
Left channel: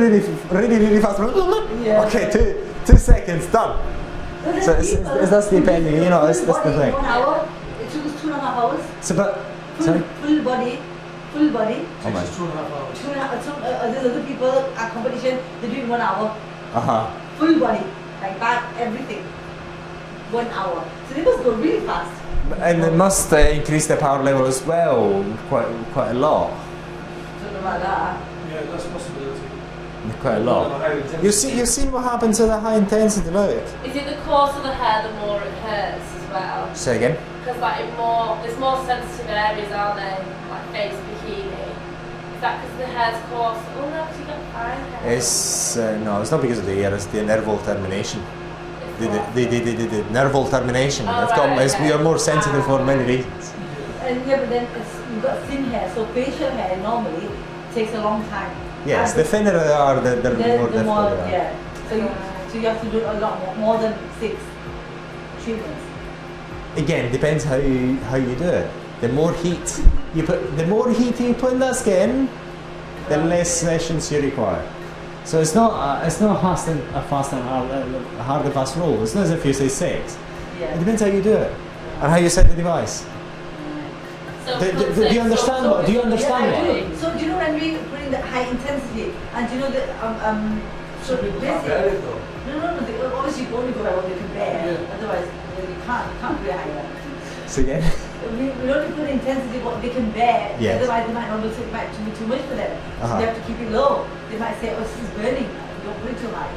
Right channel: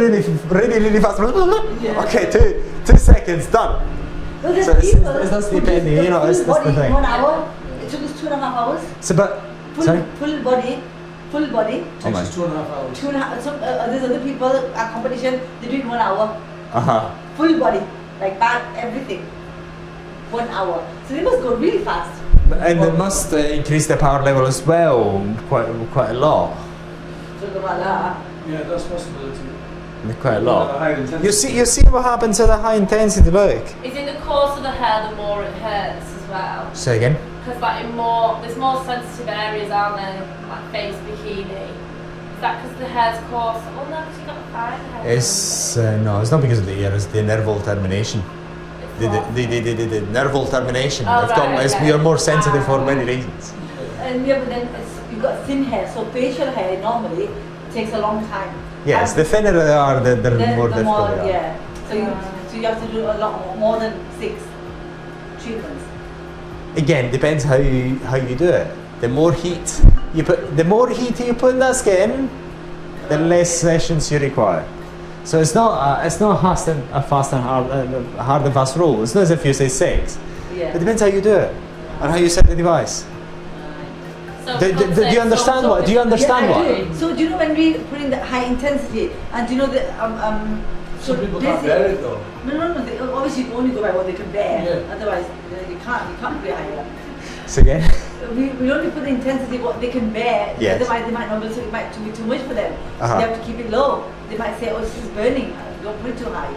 really fast, okay, 2 seconds, done. So that's depending, you know, that's the thing. 1 hour. It took us 2.5 hours. So, but sorry. Full body. Oh my. 2.5 hours. 2.5. There's other people at competition. They do it 1 hour. Full body, like that, everything. 1 hour. So they must go really fast. And it must increase the power level as well, quite a lot. Talk about that. Yeah, that's a possibility. Quite a lot. Higher intensity. You see what happens to the high intensity, look. Is it the coarser of the hair, the more it hurts as well? Say again? Because there's more sensitive areas, aren't there? Like face, bikini. Is that because the hair's coarse? Oh no, because you've got fine hair. No, it's not because of the hair, it's the nerval termination. The nerval termination. Oh, right, okay. You're more sensitive for many reasons. And yeah, but then you've got thin hair, so facial hair normally takes a long time. Yes, the thinner they are, the more difficult they are. Yeah. So you have to do a lot more than 6 treatments. Again, depends how you do it. The more heat the more heat you put in that skin, the less sessions you require. So it's not a fast and hard and fast rule. It's not as if you say 6. Yeah. It depends how you do it and how you set the device. So Do you understand what? Do you understand Yeah, I what? do. So do you know when we put in the high intensity, and do you know that so Some people they can't say- bear it though. No. Obviously, you only go by what they can bear. Yeah. Otherwise, you can't be a high one. So again, We only put the intensity what they can bear. Yes. Otherwise, they might not say it might be too much for them. Uh-huh. They have to keep it low. They might say, "Oh, this is burning. Don't put it too high."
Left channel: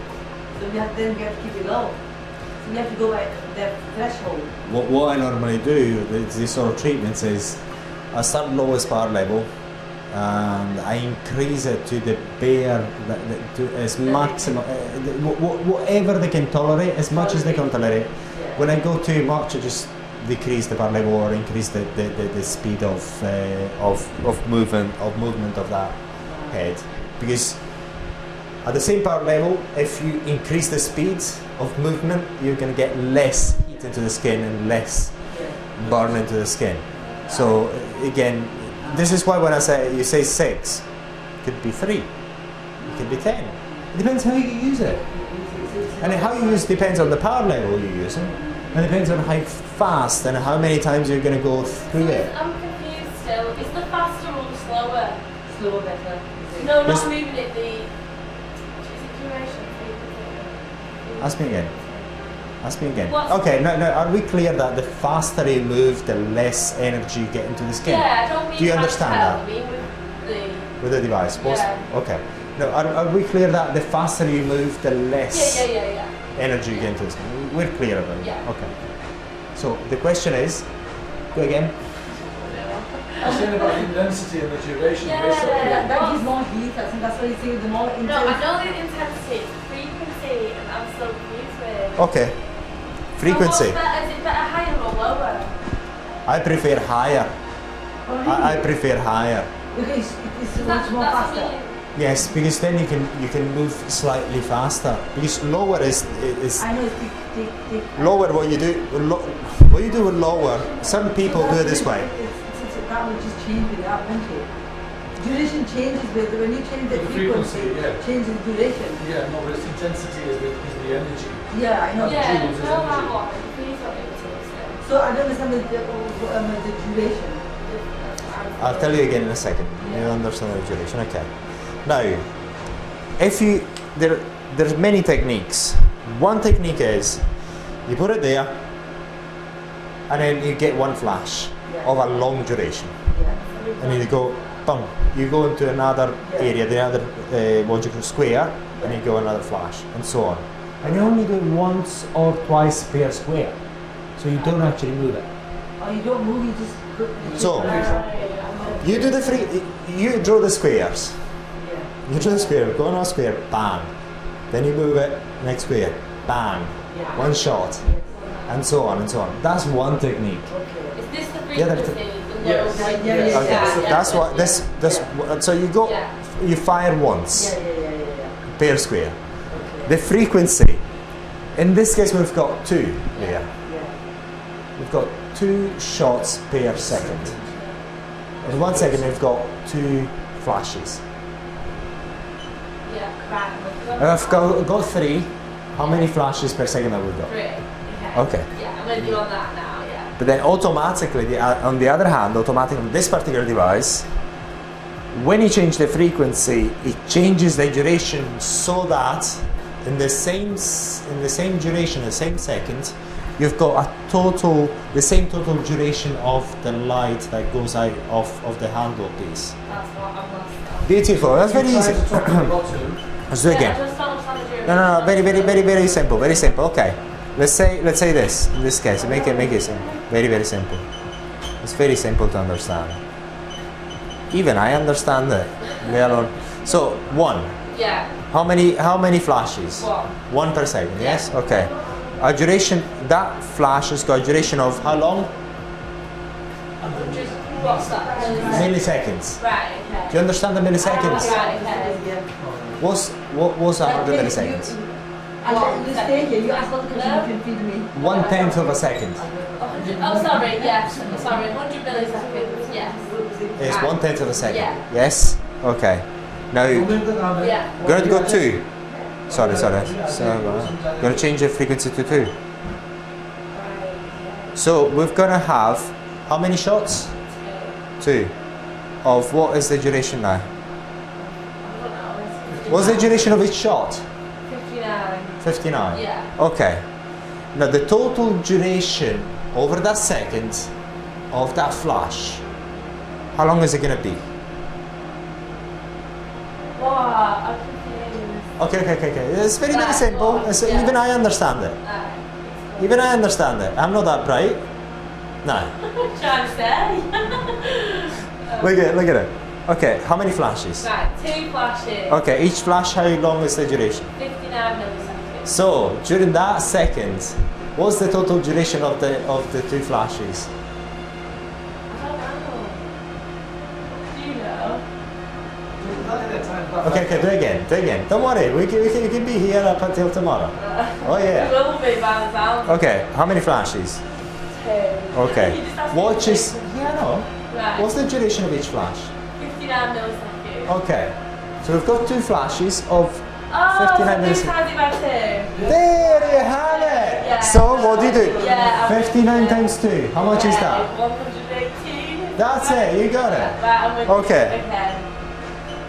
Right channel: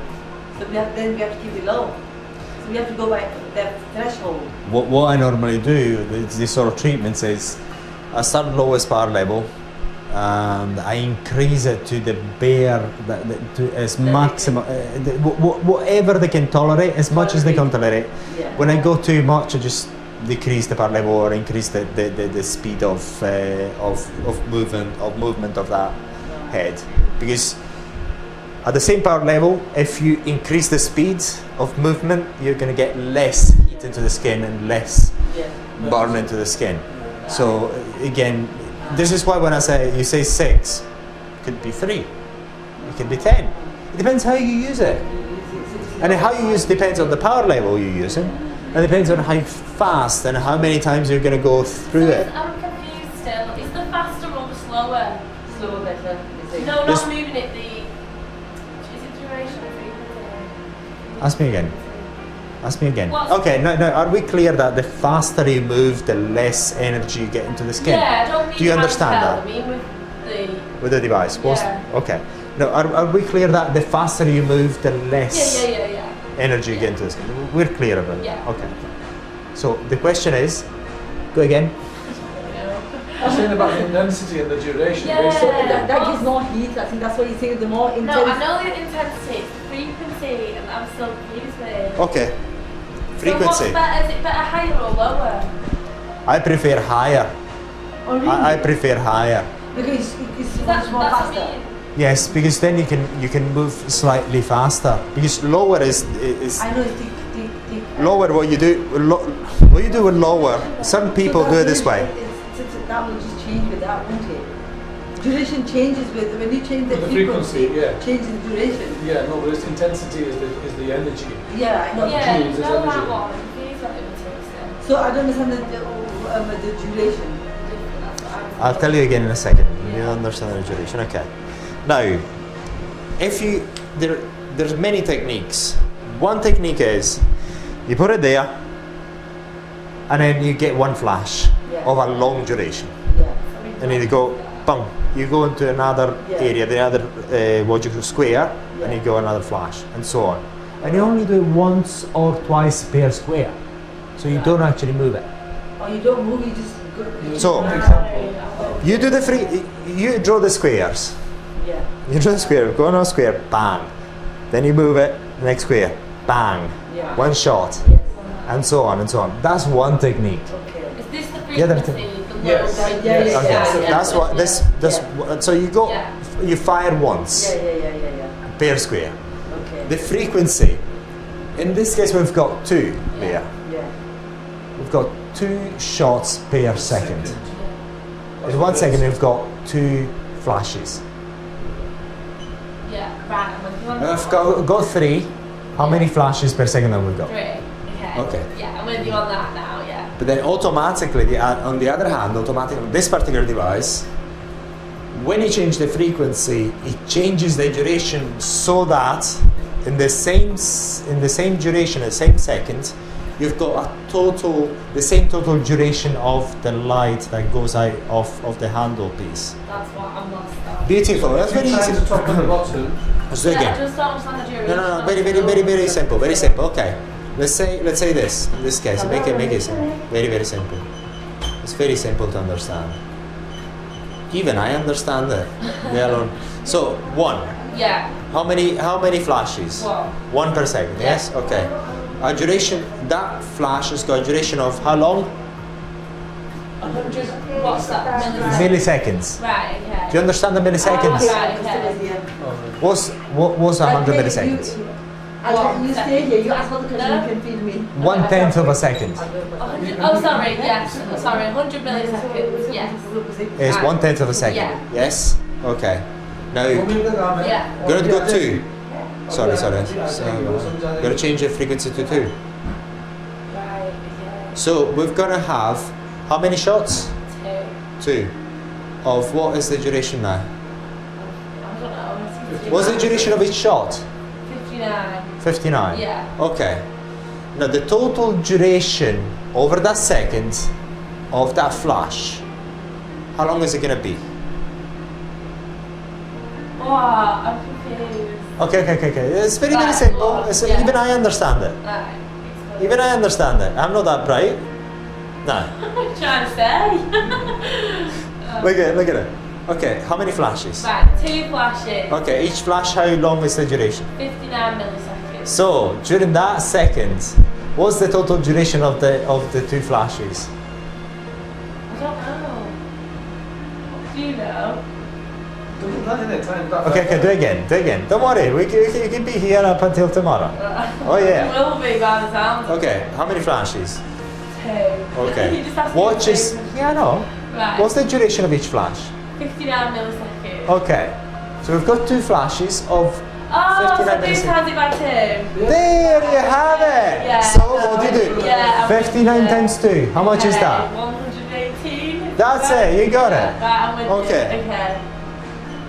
So we have to keep it low. So we have to go by their threshold. what I normally do, these sort of treatments is, I start lowest power level, and I increase it to the bare, to as maximum, whatever they can tolerate, as much as they can tolerate. Yeah. When I go too much, I just decrease the power level or increase the speed of movement of that head, because at the same power level, if you increase the speed of movement, you're going to get less heat into the skin and less Yeah. burn into the skin. So again, this is why when I say you say 6, it could be 3, it could be 10. It depends how you use it, and how you use depends on the power level you're using, and depends on how fast and how many times you're going to go through it. I'm confused still. Is the faster or the slower? Slower, better. No, Just- not moving it. Is it duration? Frequency? Ask me again. Ask me again. What's- Okay, no, are we clear that the faster you move, the less energy you get into the skin? Yeah, I don't mean Do you understand handheld, that? I mean with the. With the device? Yeah. Okay. No, are we clear that the faster you move, the less Yeah. energy you get into the skin? We're clear about it? Yeah. Okay. So the question is, go again. I'm saying about the intensity and the duration. Yeah. basically. That gives more heat. I think that's what he's saying. The more intense. No, I know the intensity, it's the frequency, and I'm still confused with. Okay. Frequency. So what's better? Is it better higher or lower? I prefer higher. Oh, really? I prefer higher. Because it's so That's much more what I faster. mean. Yes, because then you can move slightly faster. Because lower is I know. lower. What you do with lower. Some people do it this way. That will just change with that, won't it? Duration changes with when you change the The frequency. frequency, yeah. Changes the duration. Yeah, no, but its intensity is the energy. Yeah, I know. Yeah, Joules is you know that energy. one. Please let me understand. So I don't understand the duration. I'll tell you again in a second. You understand the duration, okay? Now, there's many techniques. One technique is you put it there, and then you get one flash of a long duration, Yeah. and you go, bang, you go into another Yeah. area, the other what you call square, and you go another flash, and so on. And you only do it once or twice per square, so you don't actually move it. Or you don't move, you just go. So, you do you draw the squares. Yeah. You draw the square, go on a square, bang. Then you move it, next square, bang. Yeah. One shot, Yes. and so on and so on. That's one technique. Okay. Is this the Yeah, frequency? that- The low Yes. frequency? Yeah. Okay, that's what this. So you go, Yeah. you fire once Yeah. per square. Okay. The frequency, in this case, we've got 2 there. Yeah. We've got 2 shots per second. In 1 second, we've got 2 flashes. Yeah, right. I'm with you on I've got 3. How many flashes per second have we got? 3. Okay. Yeah, I'm with you on that now, yeah. But then automatically, on the other hand, automatically, this particular device, when you change the frequency, it changes the duration so that in the same duration, the same second, you've got the same total duration of the light that goes out of the handle piece. That's what I'm lost on. Beautiful. That's very easy. Top and bottom. Let's do it Yeah, again. I just don't understand the duration. No. Very simple. Very simple. Okay. Let's say this. In this case, make it simple. Very simple. It's very simple to understand. Even I understand it. Let alone. So 1. Yeah. How many flashes? 1. 1 per second. Yes. Okay. A duration. That flash has got a duration of how long? 100. What's that? Milliseconds. Right, okay. Do you understand the milliseconds? Right, okay. What's 100 milliseconds? You stay here, you ask all the questions, you can feed me. 1/10 of a second. 100 Oh, sorry, yes. Sorry, 100 milliseconds, yes. It's 1/10 of a second. Yeah. Yes? Okay. Now, Yeah. we're going to go 2. Sorry. So, we're going to change the frequency to 2. So, we're going to have how many shots? 2. Of what is the duration now? I don't know. What's the duration of each shot? 59. 59. Yeah. Okay. Now the total duration over that second of that flash, how long is it going to be? Oh, I'm confused. Okay. It's very Right, simple. well, It's, yeah. even I understand it. Right. Even I understand it. I'm not that bright. No. I'm trying to say. Look at it. Okay, how many flashes? Right, 2 flashes. Okay, each flash, how long is the duration? 59 milliseconds. So during that second, what's the total duration of the 2 flashes? I don't know. Do you know? Okay, do it again. Don't worry, we can be here up until tomorrow. Oh yeah. We will be by the sound. Okay, how many flashes? 2. Okay. You just have to What do is? Yeah, I know. Right. What's the duration of each flash? 59 milliseconds. Okay. So we've got 2 flashes of Oh, 59 so milliseconds. times it by 2. There you have it. Yeah. So what do you do? Yeah, 59 times 2. How much is that? 118. That's it. You got it. Right, I'm with Okay. you. Okay.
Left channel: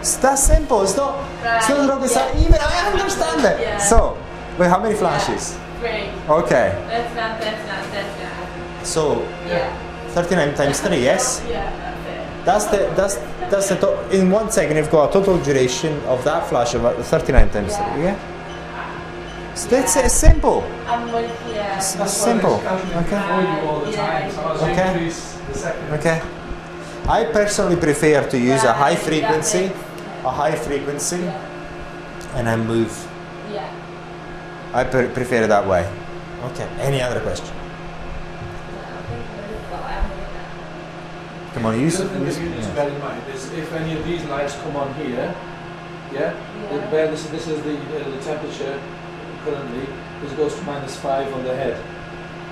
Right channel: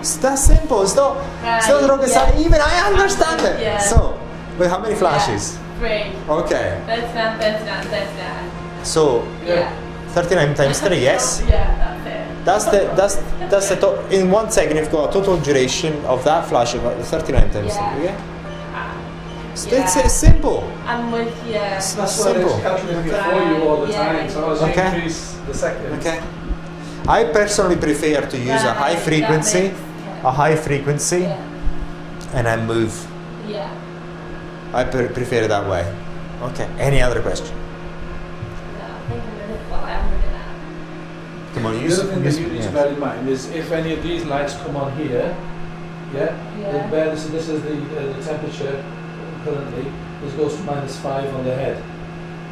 It's that simple. It's not rocket science. Even I understand it. Yeah. So, wait, how many flashes? 3. Okay. 39. So Yeah. 39 times 3. Yes. Yeah, that's it. That's the in 1 second you've got a total duration of that flash of 39 times 3. Yeah. So it's simple. I'm with you. It's That's simple. why it's actually before you all the time, so as you Okay. increase the seconds. Okay. I personally prefer to use a high frequency, and I move. Yeah. I prefer it that way. Okay. Any other question? No, I think well, I'm with it now. Come on, The use. other thing that you need to Yeah. bear in mind is if any of these lights come on here, Yeah. this is the temperature currently. This goes to -5 on the head.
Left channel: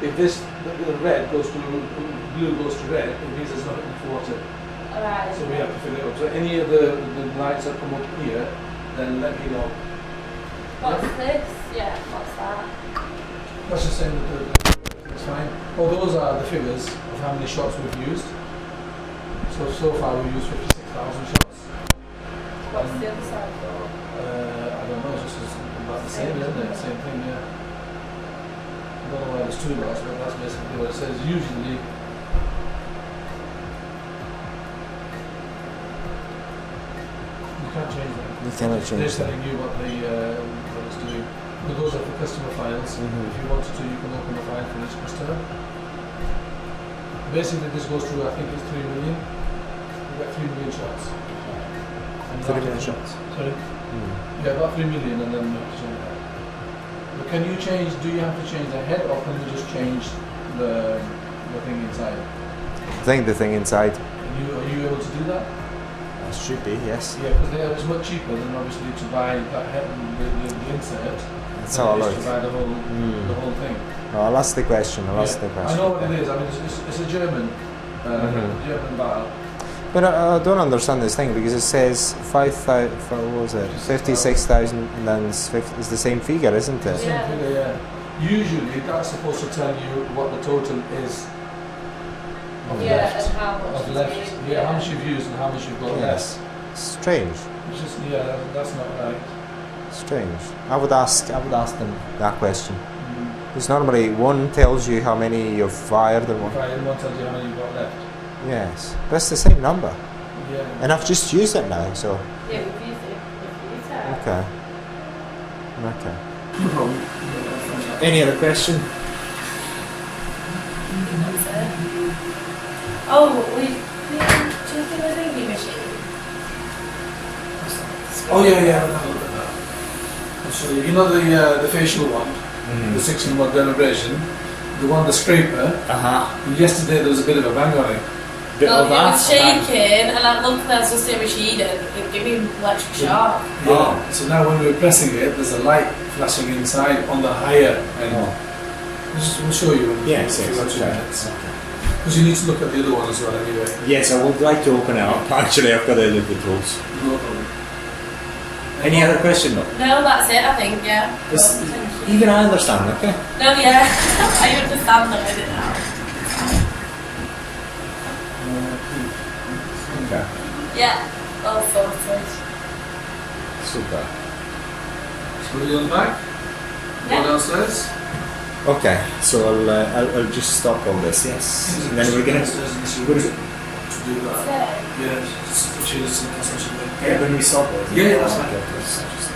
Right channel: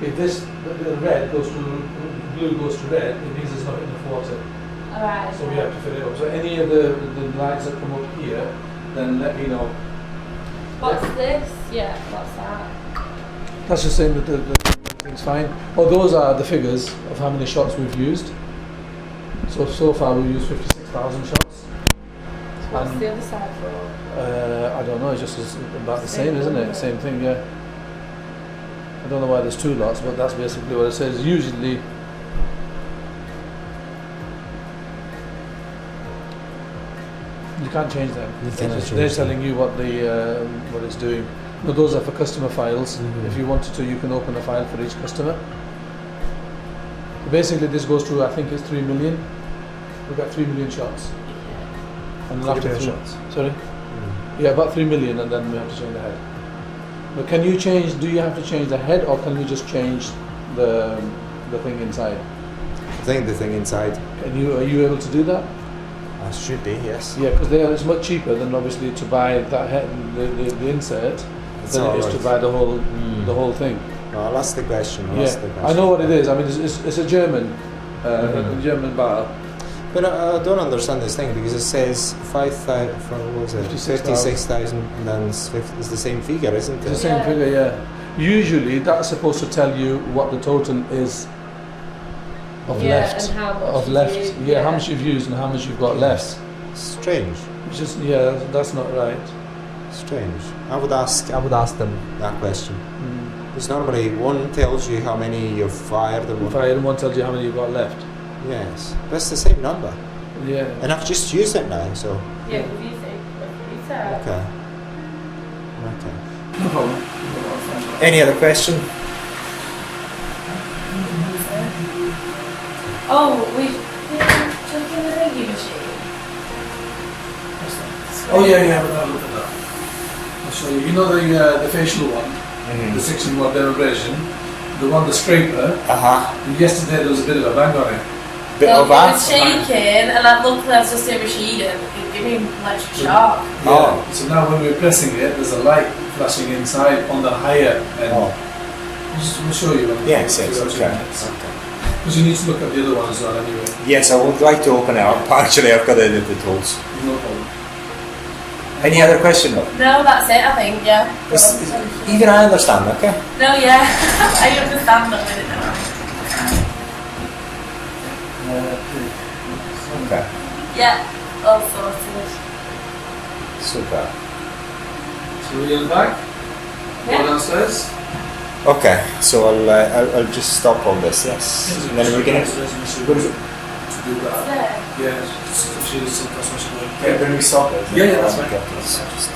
If the red goes to blue goes to red, it means there's nothing in the water. Alright. So we have to fill it up. So any of the lights that come up here, then let me know. What's this? Yeah, what's that? That's just saying that it's fine. Oh, those are the figures of how many shots we've used. So far we've used 56,000 shots. What's And, the other side for? I don't know, it's just about the same, isn't it? Same thing, yeah. I don't know why there's 2 lots, but that's basically what it says. Usually, you can't change that. You cannot They're change them. telling you what it's doing. But those are for customer files. Mhm. If you wanted to, you can open a file for each customer. Basically, this goes through, I think it's 3 million. We've got 3 million shots. And 3 after million 3 shots. Sorry? Mm. Yeah, about 3 million, and then we have to change the head. But can you change, do you have to change the head, or can you just change the thing inside? I think the thing inside Are you able to do that? should be, yes. Yeah, because it's much cheaper than obviously to buy that head, the insert, That's than all it is right. to buy the Mm. whole thing. No, I'll ask the question. I know what it is. I mean, it's a German, Mhm. German bar. But I don't understand this thing because it says 5,000. What was it? 56,000, and then it's the same figure, isn't It's it? the same Yeah. figure, yeah. Usually, that's supposed to tell you what the total is of Yeah, left. and how much Of you've left. used, Yeah, how yeah. much you've used and how much you've got Yes. Strange. left. It's just, yeah, that's not right. Strange. I would ask them that question. Mm. Because normally one tells you how many you've fired and If one. I didn't want to tell you how many you've got left. Yes, but it's the same number, Yeah. and I've just used it now. So Yeah, confusing. okay. Okay. Any other question? Oh, we checking the thingy machine. Oh yeah, we'll have a look at that. I'll show you. You know the facial one, the 6-in-1 derivation, the one, the scraper. Yesterday there was a bit of a bang on it. Bit Well, of it that. was shaking, and I looked at the same machine, and it gave me an electric shock. Yeah. So now when we're pressing it, there's a light flashing inside on the higher end. Oh. We'll show you. Yes, a few yes, other okay. units. Because you need to look at the other one as well anyway. Yes, I would like to open it up. Actually, I've got the tools. No problem. Any other question? No. No, that's it, I think, yeah. It's- Even I understand, okay? No, yeah. I understand them with it now. Okay, Yeah, all sorted. super. So we're on back. Go Yeah. downstairs. Okay, so I'll just stop all this, yes. And then we're gonna. To do that. Yeah. Yeah, she needs some consumption. When we stop it. Yeah, yeah, that's fine. Okay, please, just-